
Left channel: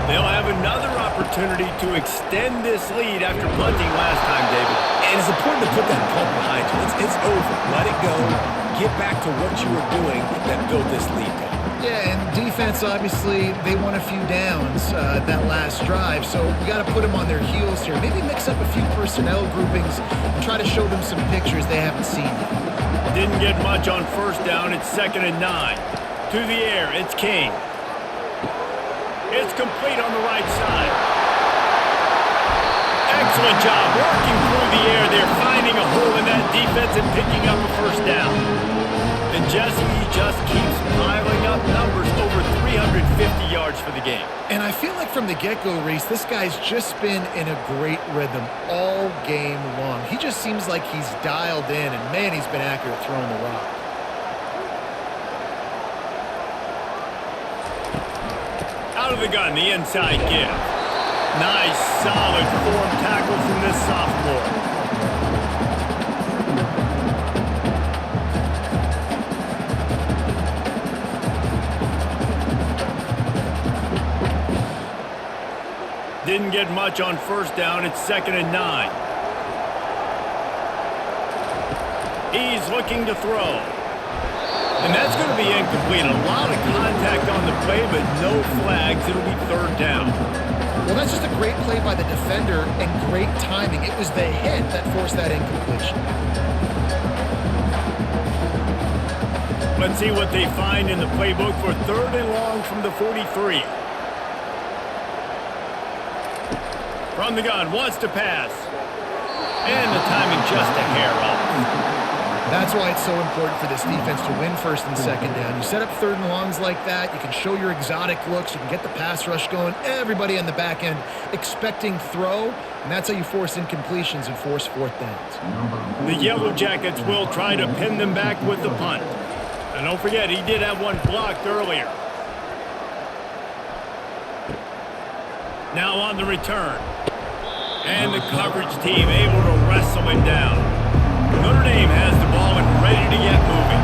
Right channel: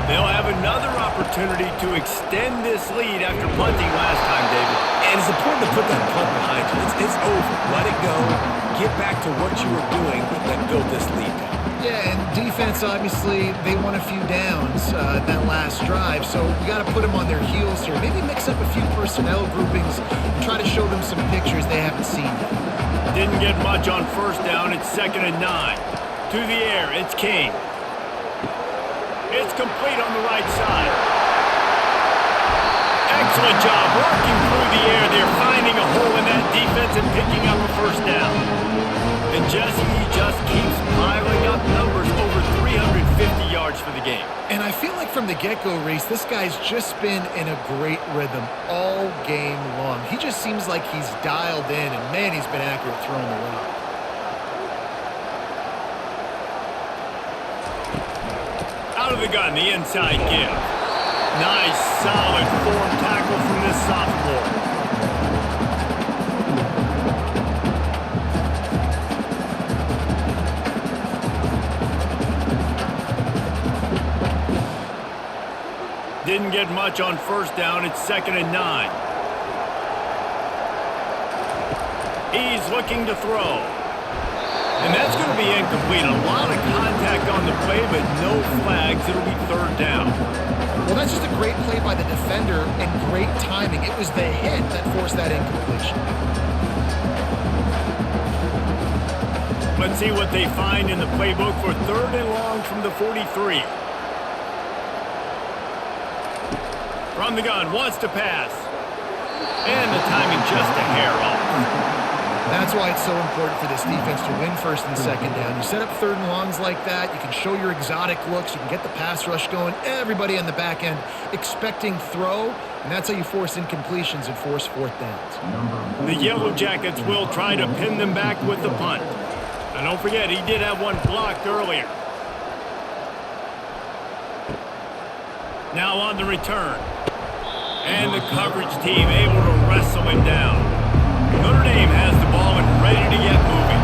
They'll have another opportunity to extend this lead after punting last time, David. And it's important to put that punt behind you. It's over. Let it go. Get back to what you were doing that built this lead, Paul. Yeah, and defense, obviously, they won a few downs that last drive, so we got to put them on their heels here. Maybe mix up a few personnel groupings and try to show them some pictures they haven't seen yet. Didn't get much on first down. It's 2nd and 9. To the air, it's King. It's complete on the right side. Excellent job working through the air there, finding a hole in that defense and picking up a first down. And Jesse, he just keeps piling up numbers, over 350 yards for the game. And I feel like from the get-go, Reese, this guy's just been in a great rhythm all game long. He just seems like he's dialed in, and man, he's been accurate throwing the rock. Out of the gun, the inside give. Nice, solid form tackle from this sophomore. Didn't get much on first down. It's 2nd and 9. He's looking to throw. And that's going to be incomplete. A lot of contact on the play, but no flags. It'll be 3rd down. Well, that's just a great play by the defender and great timing. It was the hit that forced that incompletion. Let's see what they find in the playbook for 3rd and long from the 43. From the gun, wants to pass. And the timing just a hair off. That's why it's so important for this defense to win 1st and 2nd down. You set up 3rd and longs like that, you can show your exotic looks, you can get the pass rush going, everybody on the back end expecting throw, and that's how you force incompletions and force 4th downs. The Yellow Jackets will try to pin them back with the punt. And don't forget, he did have one blocked earlier. Now on the return. And the coverage team able to wrestle him down. Notre Dame has the ball and ready to get moving.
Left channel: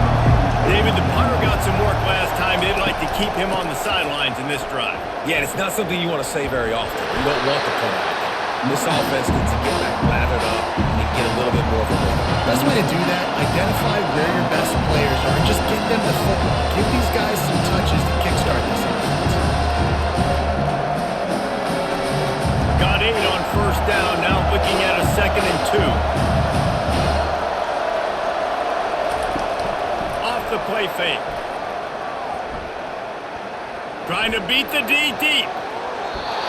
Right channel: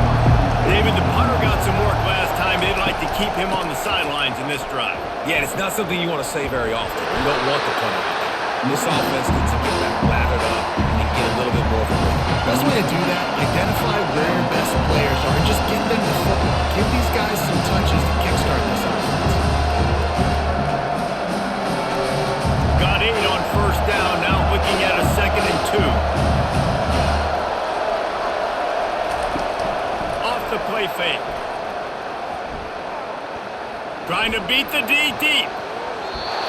David, the punter got some work last time. They'd like to keep him on the sidelines in this drive. Yeah, and it's not something you want to say very often. You don't want the punter out there. This offense needs to get back lathered up and get a little bit more of a rhythm. Best way to do that, identify where your best players are and just get them the football. Give these guys some touches to kickstart this offense. Got 8 on first down, now looking at a 2nd and 2. Off the play fake. Trying to beat the D deep.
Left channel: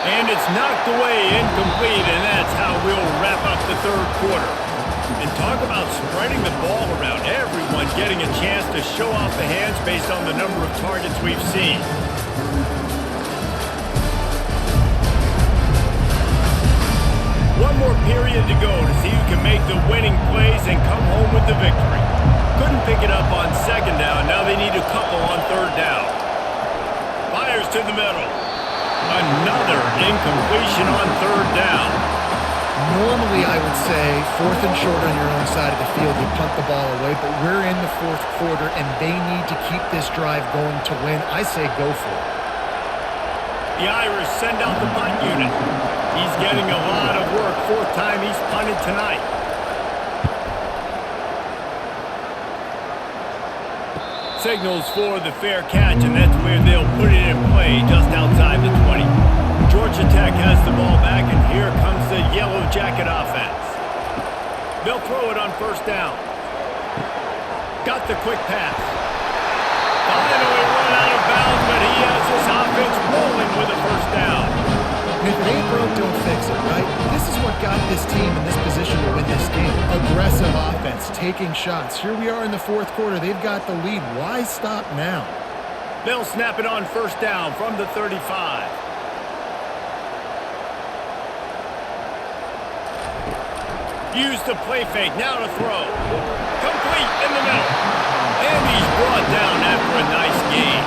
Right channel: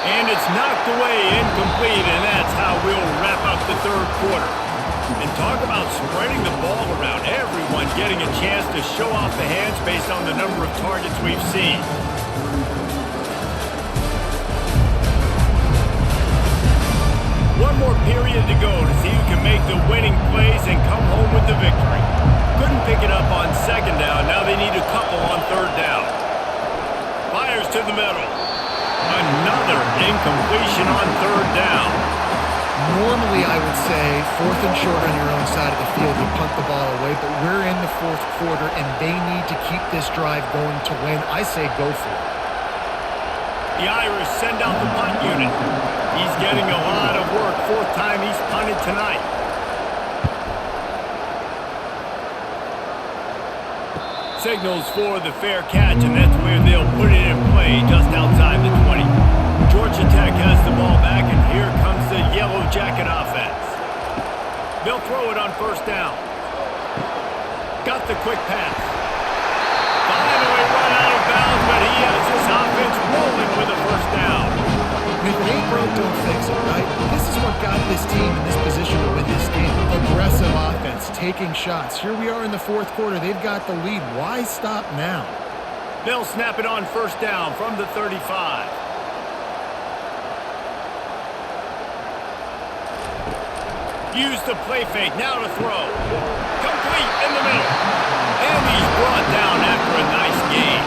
And it's knocked away, incomplete, and that's how we'll wrap up the 3rd quarter. And talk about spreading the ball around. Everyone getting a chance to show off the hands based on the number of targets we've seen. One more period to go to see who can make the winning plays and come home with the victory. Couldn't pick it up on 2nd down. Now they need a couple on 3rd down. Fires to the middle. Another incompletion on 3rd down. Normally, I would say 4th and short on your own side of the field, you punt the ball away, but we're in the 4th quarter, and they need to keep this drive going to win. I say go for it. The Irish send out the punt unit. He's getting a lot of work. 4th time he's punted tonight. Signals for the fair catch, and that's where they'll put it in play just outside the 20. Georgia Tech has the ball back, and here comes the Yellow Jacket offense. They'll throw it on first down. Got the quick pass. Finally run out of bounds, but he has his offense rolling with a first down. And if it ain't broke, don't fix it, right? This is what got this team in this position to win this game. Aggressive offense, taking shots. Here we are in the fourth quarter. They've got the lead. Why stop now? They'll snap it on first down from the 35. Use the play fake, now to throw. Complete in the middle. And he's brought down after a nice gain.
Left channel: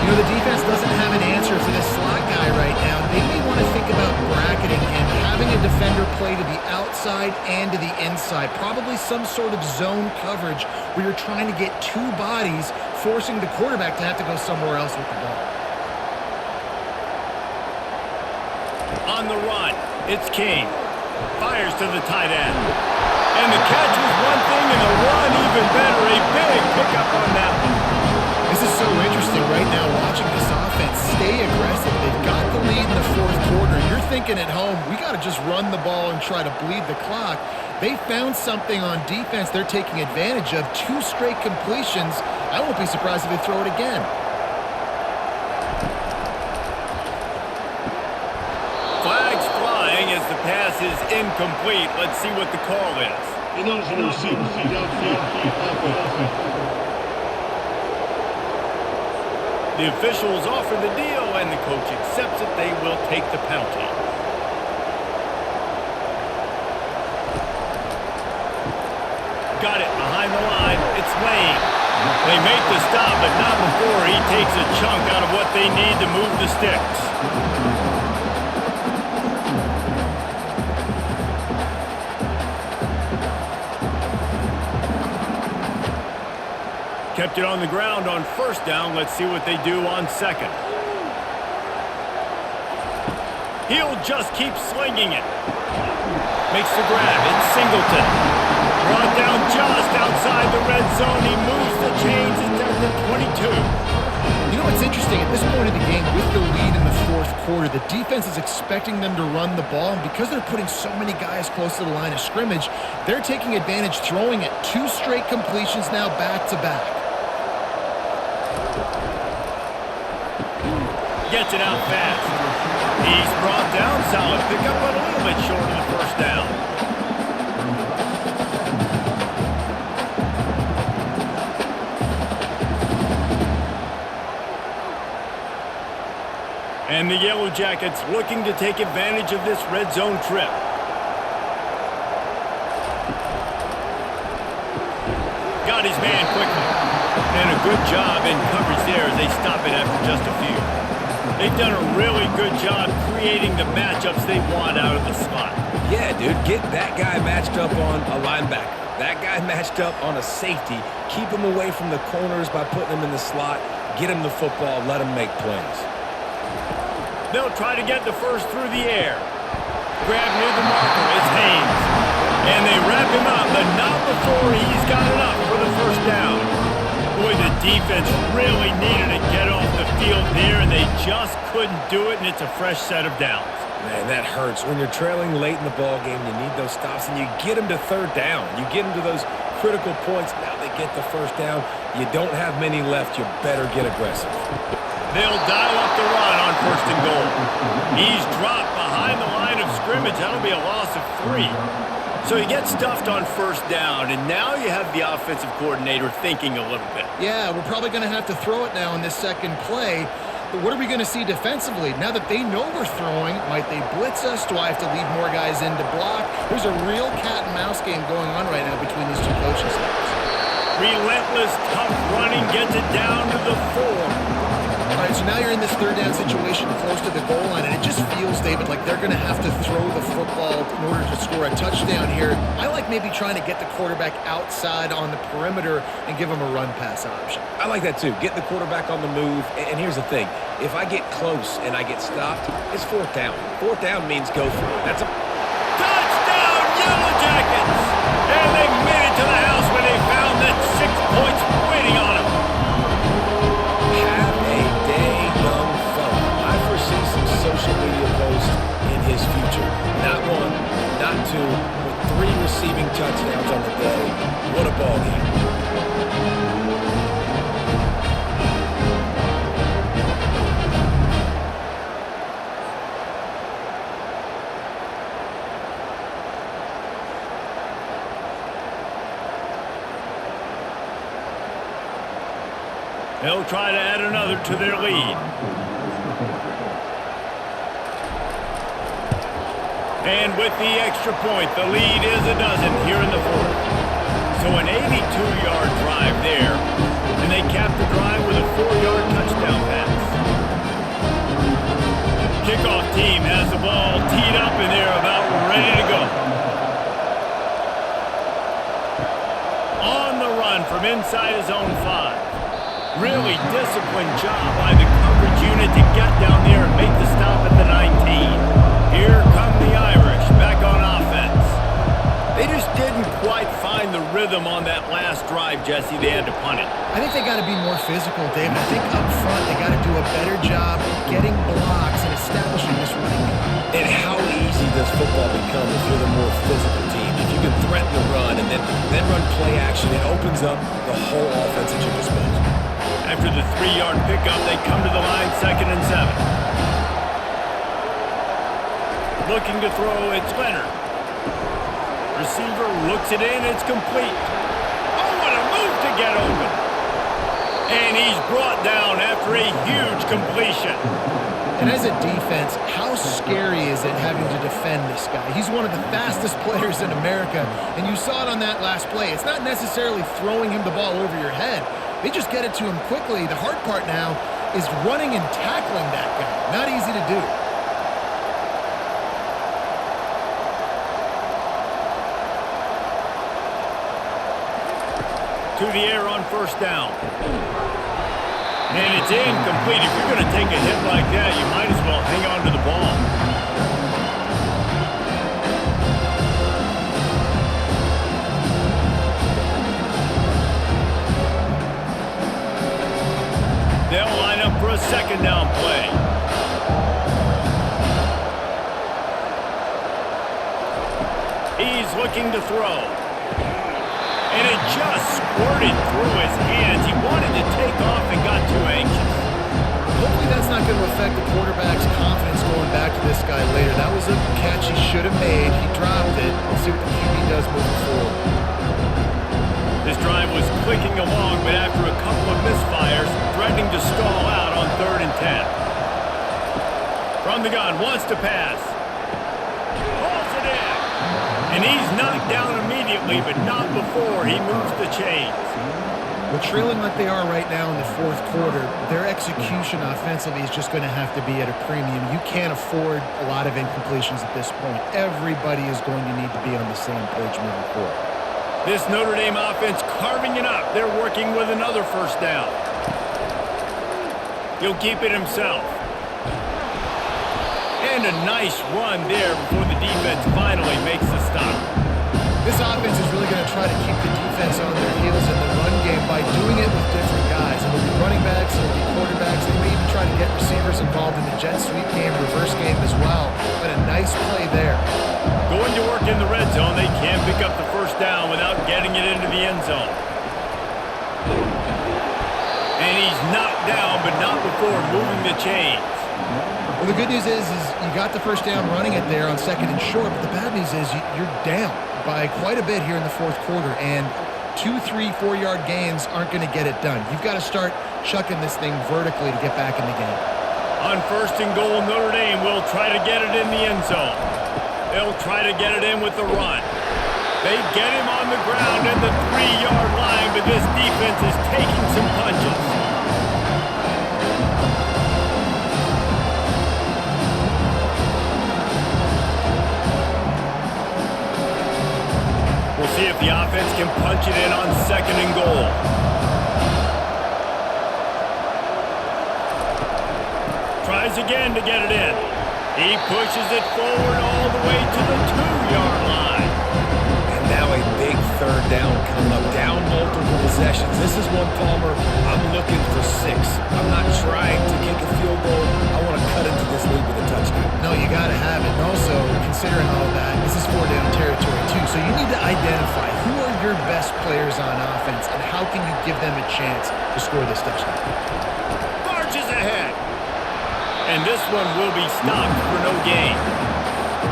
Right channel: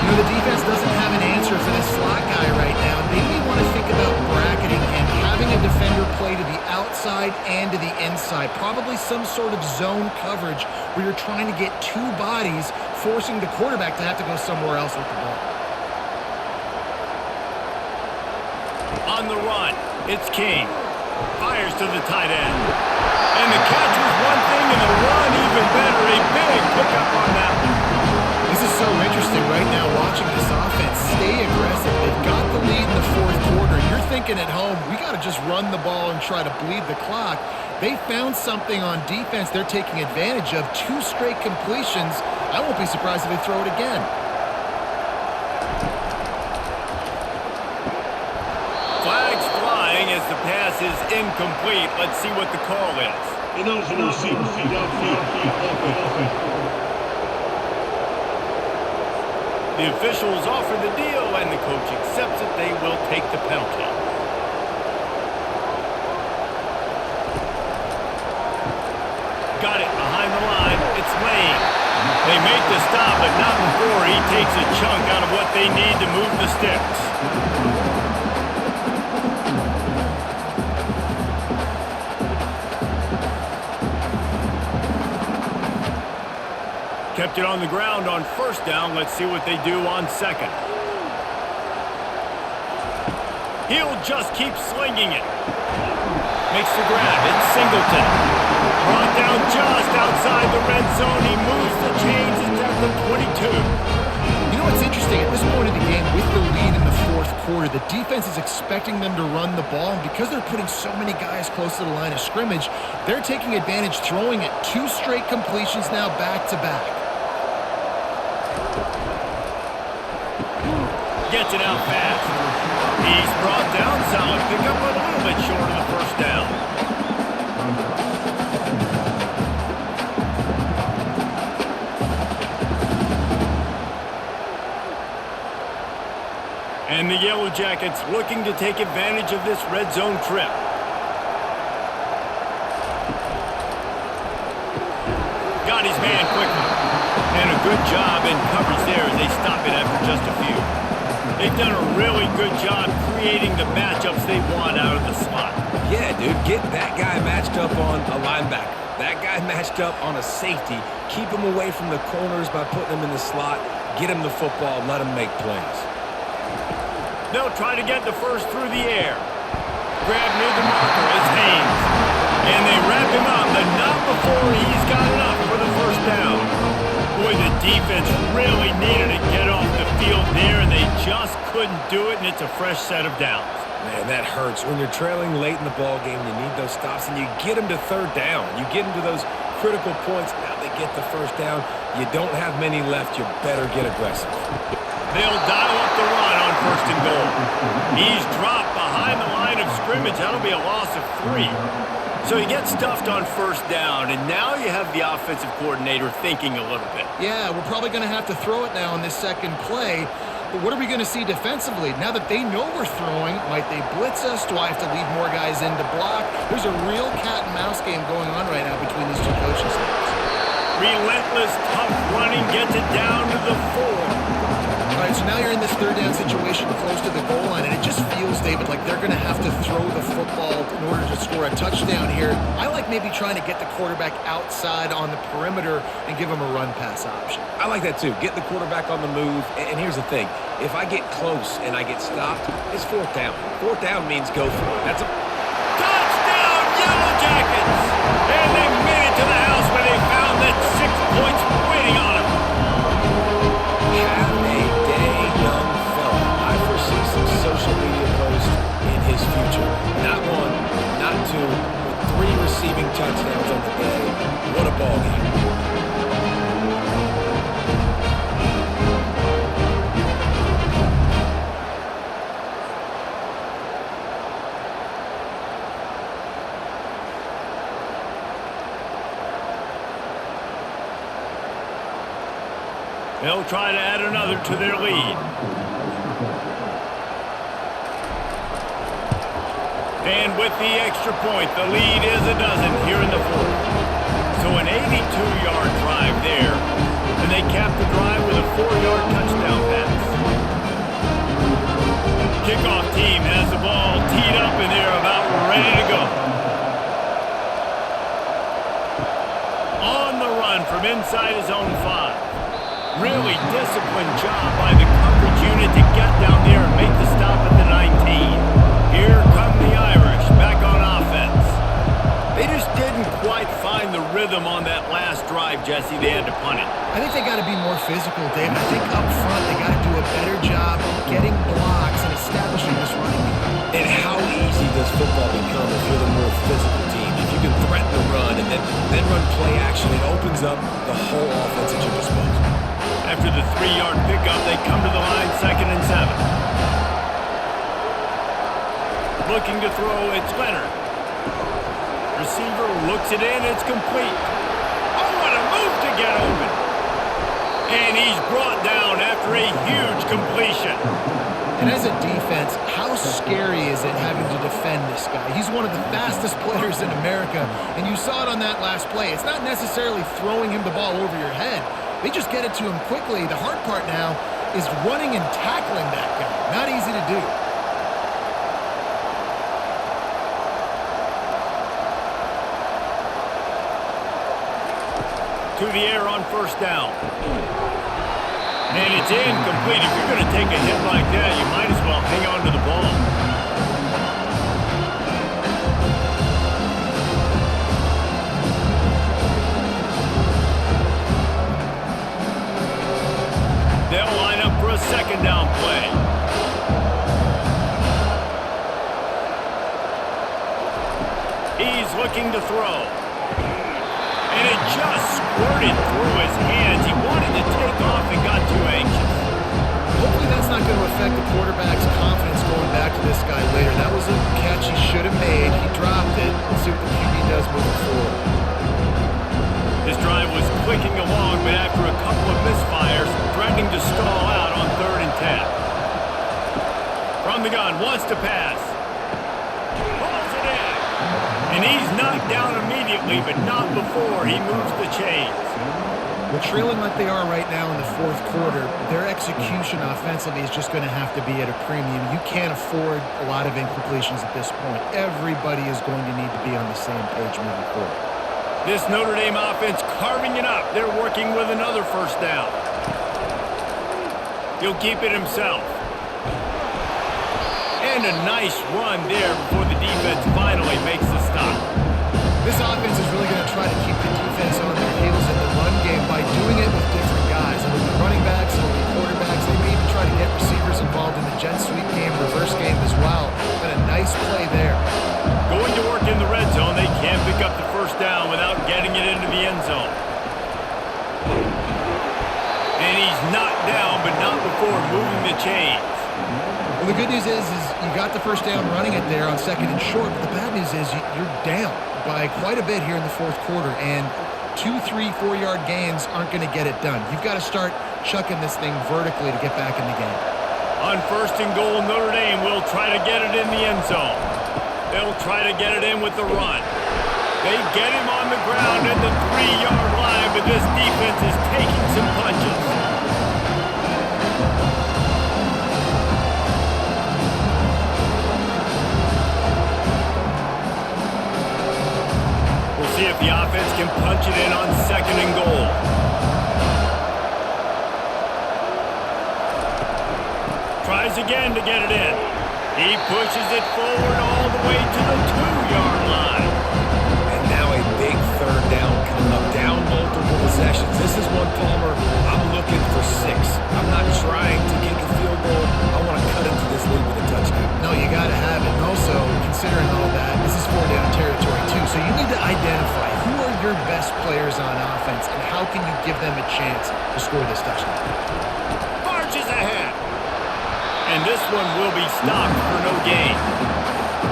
You know, the defense doesn't have an answer for this slot guy right now. They may want to think about bracketing him, having a defender play to the outside and to the inside. Probably some sort of zone coverage where you're trying to get two bodies, forcing the quarterback to have to go somewhere else with the ball. On the run, it's King. Fires to the tight end. And the catch was one thing, and the run even better. A big pickup on that one. This is so interesting right now, watching this offense stay aggressive. They've got the lead in the fourth quarter, and you're thinking at home, we got to just run the ball and try to bleed the clock. They found something on defense they're taking advantage of. 2 straight completions. I won't be surprised if they throw it again. Flags flying as the pass is incomplete. Let's see what the call is. Ineligible receiver, downfield, offense. The officials offer the deal, and the coach accepts it. They will take the penalty. Got it behind the line. It's Lane. They make the stop, but not before he takes a chunk out of what they need to move the sticks. Kept it on the ground on first down. Let's see what they do on second. He'll just keep slinging it. Makes the grab. It's Singleton. Brought down just outside the red zone. He moves the chains. It's at the 22. You know what's interesting? At this point of the game, with the lead in the fourth quarter, the defense is expecting them to run the ball. And because they're putting so many guys close to the line of scrimmage, they're taking advantage, throwing it. 2 straight completions now back-to-back. Gets it out fast. He's brought down. Solid pickup, but a little bit short of the first down. And the Yellow Jackets looking to take advantage of this red zone trip. Got his man quickly. And a good job in coverage there as they stop it after just a few. They've done a really good job creating the matchups they want out of the slot. Yeah, dude, get that guy matched up on a linebacker. That guy matched up on a safety. Keep him away from the corners by putting him in the slot. Get him the football. Let him make plays. They'll try to get the first through the air. Grab near the marker. It's Haynes. And they wrap him up, but not before he's got enough for the first down. Boy, the defense really needed to get off the field there, and they just couldn't do it, and it's a fresh set of downs. Man, that hurts. When you're trailing late in the ball game, you need those stops, and you get them to third down. You get them to those critical points. Now they get the first down. You don't have many left. You better get aggressive. They'll dial up the run on first and goal. He's dropped behind the line of scrimmage. That'll be a loss of 3. So you get stuffed on first down, and now you have the offensive coordinator thinking a little bit. Yeah, we're probably going to have to throw it now on this second play. But what are we going to see defensively? Now that they know we're throwing, might they blitz us? Do I have to leave more guys in to block? There's a real cat and mouse game going on right now between these 2 coaching staffs. Relentless, tough running gets it down to the 4. All right, so now you're in this third down situation close to the goal line, and it just feels, David, like they're going to have to throw the football in order to score a touchdown here. I like maybe trying to get the quarterback outside on the perimeter and give him a run-pass option. I like that, too. Get the quarterback on the move. And here's the thing. If I get close and I get stopped, it's 4th down. 4th down means go for it. That's a touchdown, Yellow Jackets! And they made it to the house where they found that 6 points waiting on them. 2, but 3 receiving touchdowns on the day. What a ball game. They'll try to add another to their lead. And with the extra point, the lead is a dozen here in the fourth. So an 82-yard drive there. And they cap the drive with a 4-yard touchdown pass. Kickoff team has the ball teed up and they're about ready to go. On the run from inside his own 5. Really disciplined job by the coverage unit to get down there and make the stop at the 19. Here come the Irish back on offense. They just didn't quite find the rhythm on that last drive, Jesse. They had to punt it. I think they got to be more physical, David. I think up front they got to do a better job getting blocks and establishing this running game. And how easy does football become if you're the more physical team? If you can threaten the run and then run play action, it opens up the whole offense at your disposal. After the 3-yard pickup, they come to the line, 2nd and 7. Looking to throw, it's Leonard. Receiver looks it in, it's complete. Oh, what a move to get open. And he's brought down after a huge completion. And as a defense, how scary is it having to defend this guy? He's one of the fastest players in America, and you saw it on that last play. It's not necessarily throwing him the ball over your head. They just get it to him quickly. The hard part now is running and tackling that guy. Not easy to do. To the air on 1st down. And it's incomplete. If you're going to take a hit like that, you might as well hang on to the ball. They'll line up for a 2nd down play. He's looking to throw. And it just squirted through his hands. He wanted to take off and got too anxious. Hopefully that's not going to affect the quarterback's confidence going back to this guy later. That was a catch he should have made. He dropped it. Let's see what the QB does moving forward. This drive was clicking along, but after a couple of misfires, threatening to stall out on 3rd and 10. From the gun, wants to pass. Pulls it in. And he's knocked down immediately, but not before he moves the chains. Well, trailing like they are right now in the 4th quarter, their execution offensively is just going to have to be at a premium. You can't afford a lot of incompletions at this point. Everybody is going to need to be on the same page moving forward. This Notre Dame offense carving it up. They're working with another 1st down. He'll keep it himself. And a nice run there before the defense finally makes the stop. This offense is really going to try to keep the defense on their heels in the run game by doing it with different guys. It'll be running backs, it'll be quarterbacks. They may even try to get receivers involved in the jet sweep game, reverse game as well. But a nice play there. Going to work in the red zone, they can't pick up the 1st down without getting it into the end zone. And he's knocked down, but not before moving the chains. Well, the good news is you got the 1st down running it there on 2nd and short, but the bad news is you're down by quite a bit here in the 4th quarter, and 2, 3, 4-yard gains aren't going to get it done. You've got to start chucking this thing vertically to get back in the game. On 1st and goal, Notre Dame will try to get it in the end zone. They'll try to get it in with the run. They get him on the ground at the 3-yard line, but this defense is taking some punches. We'll see if the offense can punch it in on 2nd and goal. Tries again to get it in. He pushes it forward all the way to the 2-yard line. And now a big 3rd down coming up. Down multiple possessions. This is one, Palmer, I'm looking for 6. I'm not trying to kick a field goal. I want to cut into this lead with a touchdown. No, you got to have it. And also, considering all that, this is 4-down territory too. So you need to identify who are your best players on offense and how can you give them a chance to score this touchdown. Barges ahead. And this one will be stopped for no gain.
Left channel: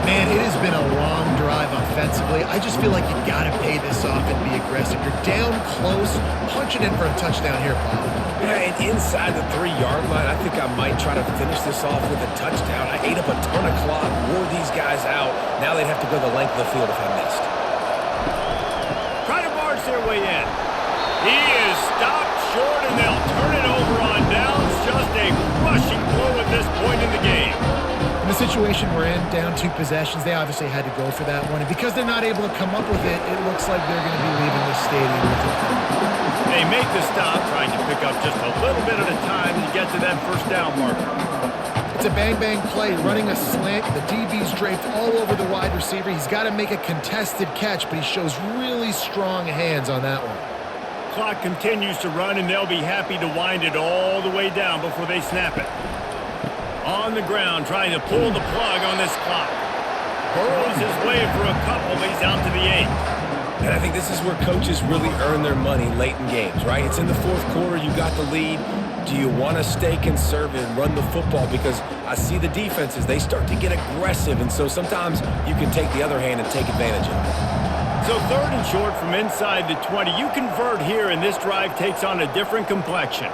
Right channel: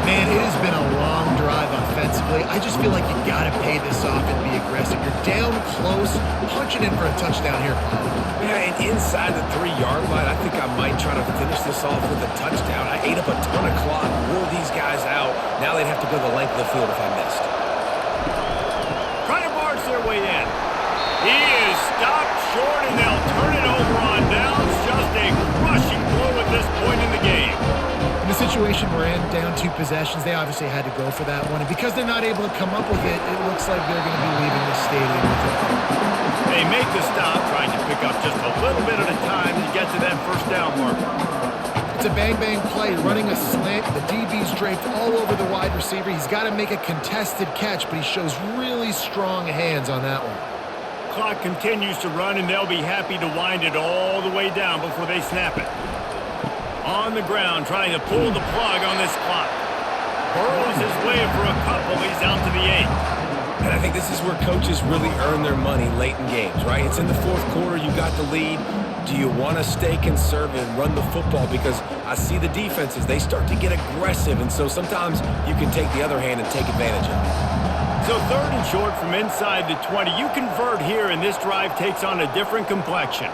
Man, it has been a long drive offensively. I just feel like you got to pay this off and be aggressive. You're down close. Punch it in for a touchdown here, Pollard. Yeah, and inside the 3-yard line, I think I might try to finish this off with a touchdown. I ate up a ton of clock, wore these guys out. Now they'd have to go the length of the field if I missed. Try to barge their way in. He is stopped short, and they'll turn it over on downs. Just a crushing blow at this point in the game. In the situation we're in, down 2 possessions, they obviously had to go for that one. And because they're not able to come up with it, it looks like they're going to be leaving this stadium with it. They make the stop, trying to pick up just a little bit at a time to get to that first down marker. It's a bang-bang play, running a slant. The DB's draped all over the wide receiver. He's got to make a contested catch, but he shows really strong hands on that one. Clock continues to run, and they'll be happy to wind it all the way down before they snap it. On the ground, trying to pull the plug on this clock. Burrows his way for a couple. He's out to the 8. And I think this is where coaches really earn their money late in games, right? It's in the 4th quarter. You got the lead. Do you want to stay conservative and run the football? Because I see the defenses, they start to get aggressive, and so sometimes you can take the other hand and take advantage of it. So 3rd and short from inside the 20. You convert here, and this drive takes on a different complexion.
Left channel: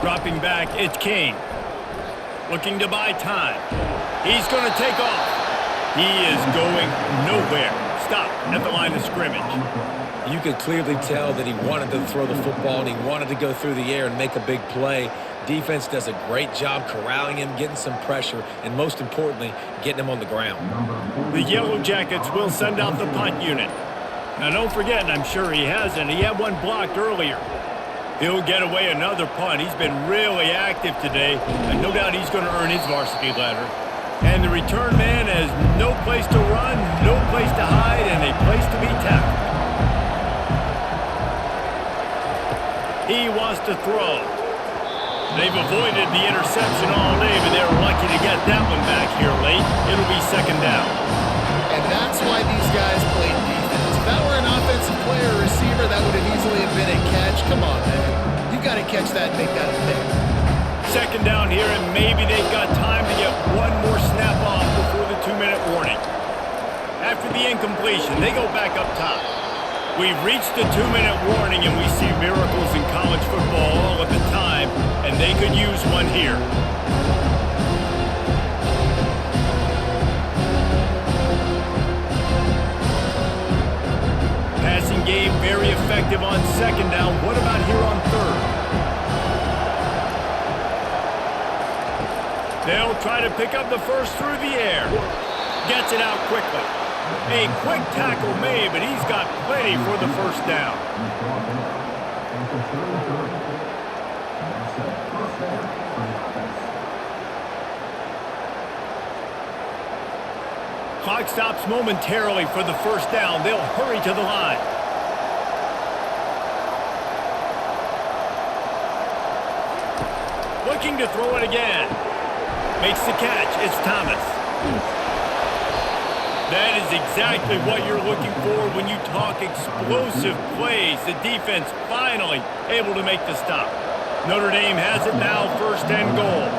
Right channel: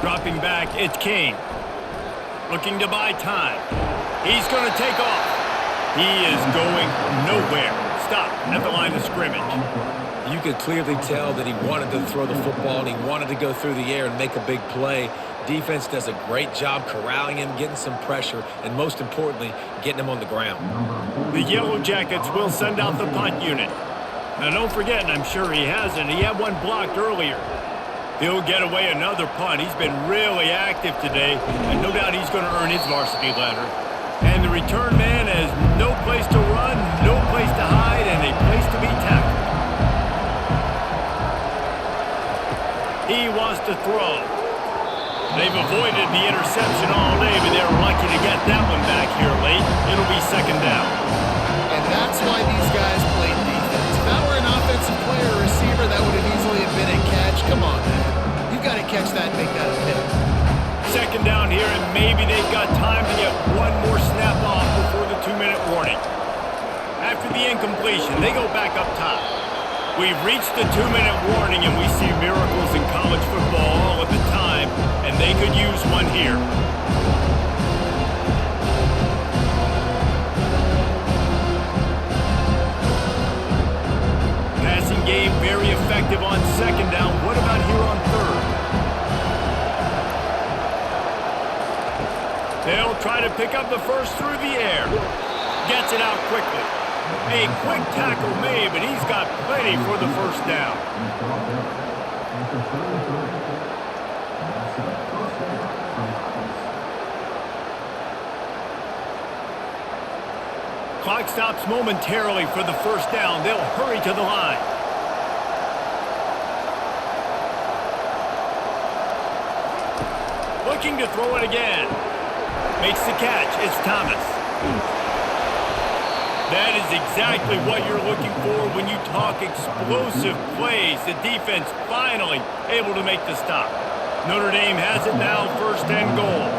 Dropping back, it's King. Looking to buy time. He's going to take off. He is going nowhere. Stop at the line of scrimmage. You could clearly tell that he wanted to throw the football and he wanted to go through the air and make a big play. Defense does a great job corralling him, getting some pressure, and most importantly, getting him on the ground. The Yellow Jackets will send out the punt unit. Now don't forget, and I'm sure he hasn't, he had one blocked earlier. He'll get away another punt. He's been really active today, and no doubt he's going to earn his varsity letter. And the return man has no place to run, no place to hide, and a place to be tackled. He wants to throw. They've avoided the interception all day, but they're lucky to get that one back here late. It'll be 2nd down. And that's why these guys played defense. If that were an offensive player or receiver, that would have easily have been a catch. Come on, man. You've got to catch that and make that a pick. 2nd down here, and maybe they've got time to get one more snap off before the 2-minute warning. After the incompletion, they go back up top. We've reached the 2-minute warning, and we see miracles in college football all of the time, and they could use one here. Passing game very effective on 2nd down. What about here on 3rd? They'll try to pick up the first through the air. Gets it out quickly. A quick tackle made, but he's got plenty for the first down. After 33. That's a first down for the offense. Clock stops momentarily for the first down. They'll hurry to the line. Looking to throw it again. Makes the catch. It's Thomas. That is exactly what you're looking for when you talk explosive plays. The defense finally able to make the stop. Notre Dame has it now, 1st and goal.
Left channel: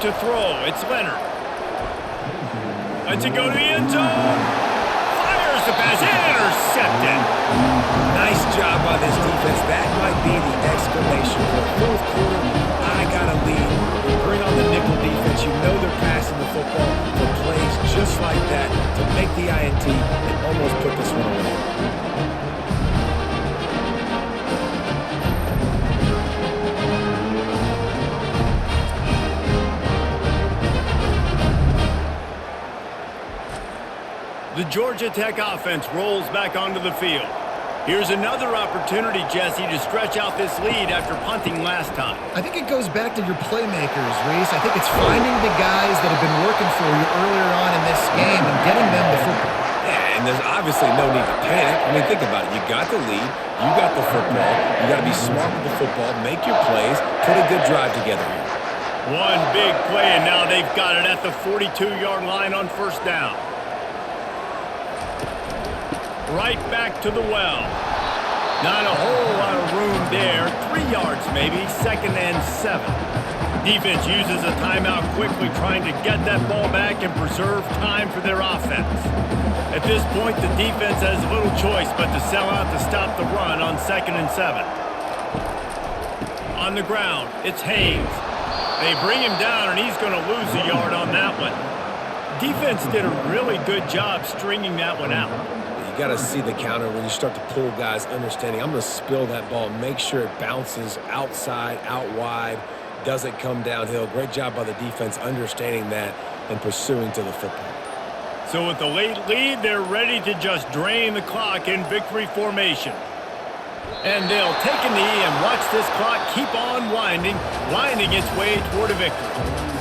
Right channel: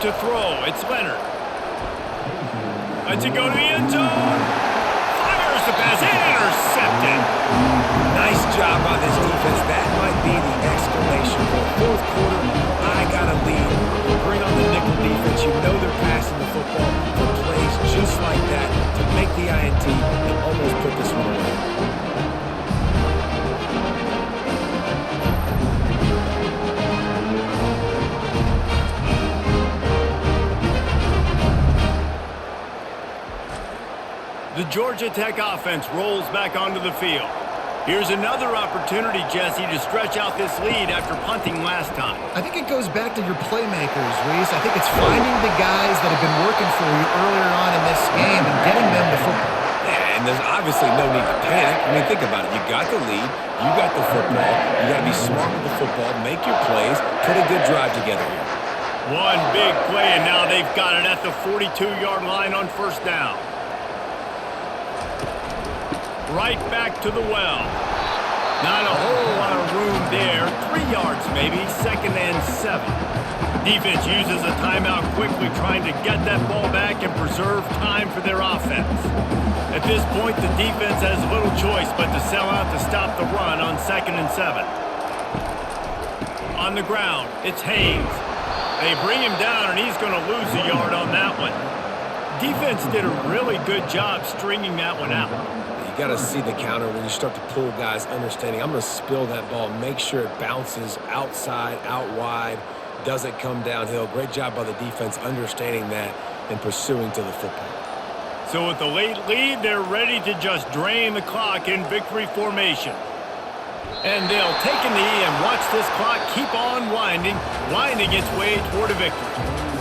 To throw, it's Leonard. Lets it go to the end zone. Fires the pass. Intercepted. Nice job by this defense. That might be the exclamation point. 4th quarter, I got a lead. You bring on the nickel defense. You know they're passing the football for plays just like that to make the INT and almost put this one away. The Georgia Tech offense rolls back onto the field. Here's another opportunity, Jesse, to stretch out this lead after punting last time. I think it goes back to your playmakers, Reese. I think it's finding the guys that have been working for you earlier on in this game and getting them the football. Yeah, and there's obviously no need to panic. I mean, think about it. You got the lead. You got the football. You got to be smart with the football. Make your plays. Put a good drive together here. One big play, and now they've got it at the 42-yard line on first down. Right back to the well. Not a whole lot of room there. 3 yards maybe, 2nd and 7. Defense uses a timeout quickly, trying to get that ball back and preserve time for their offense. At this point, the defense has little choice but to sell out to stop the run on 2nd and 7. On the ground, it's Haynes. They bring him down, and he's going to lose a yard on that one. Defense did a really good job stringing that one out. You got to see the counter when you start to pull guys understanding. I'm going to spill that ball and make sure it bounces outside, out wide, doesn't come downhill. Great job by the defense understanding that and pursuing to the football. So with the late lead, they're ready to just drain the clock in victory formation. And they'll take a knee and watch this clock keep on winding its way toward a victory.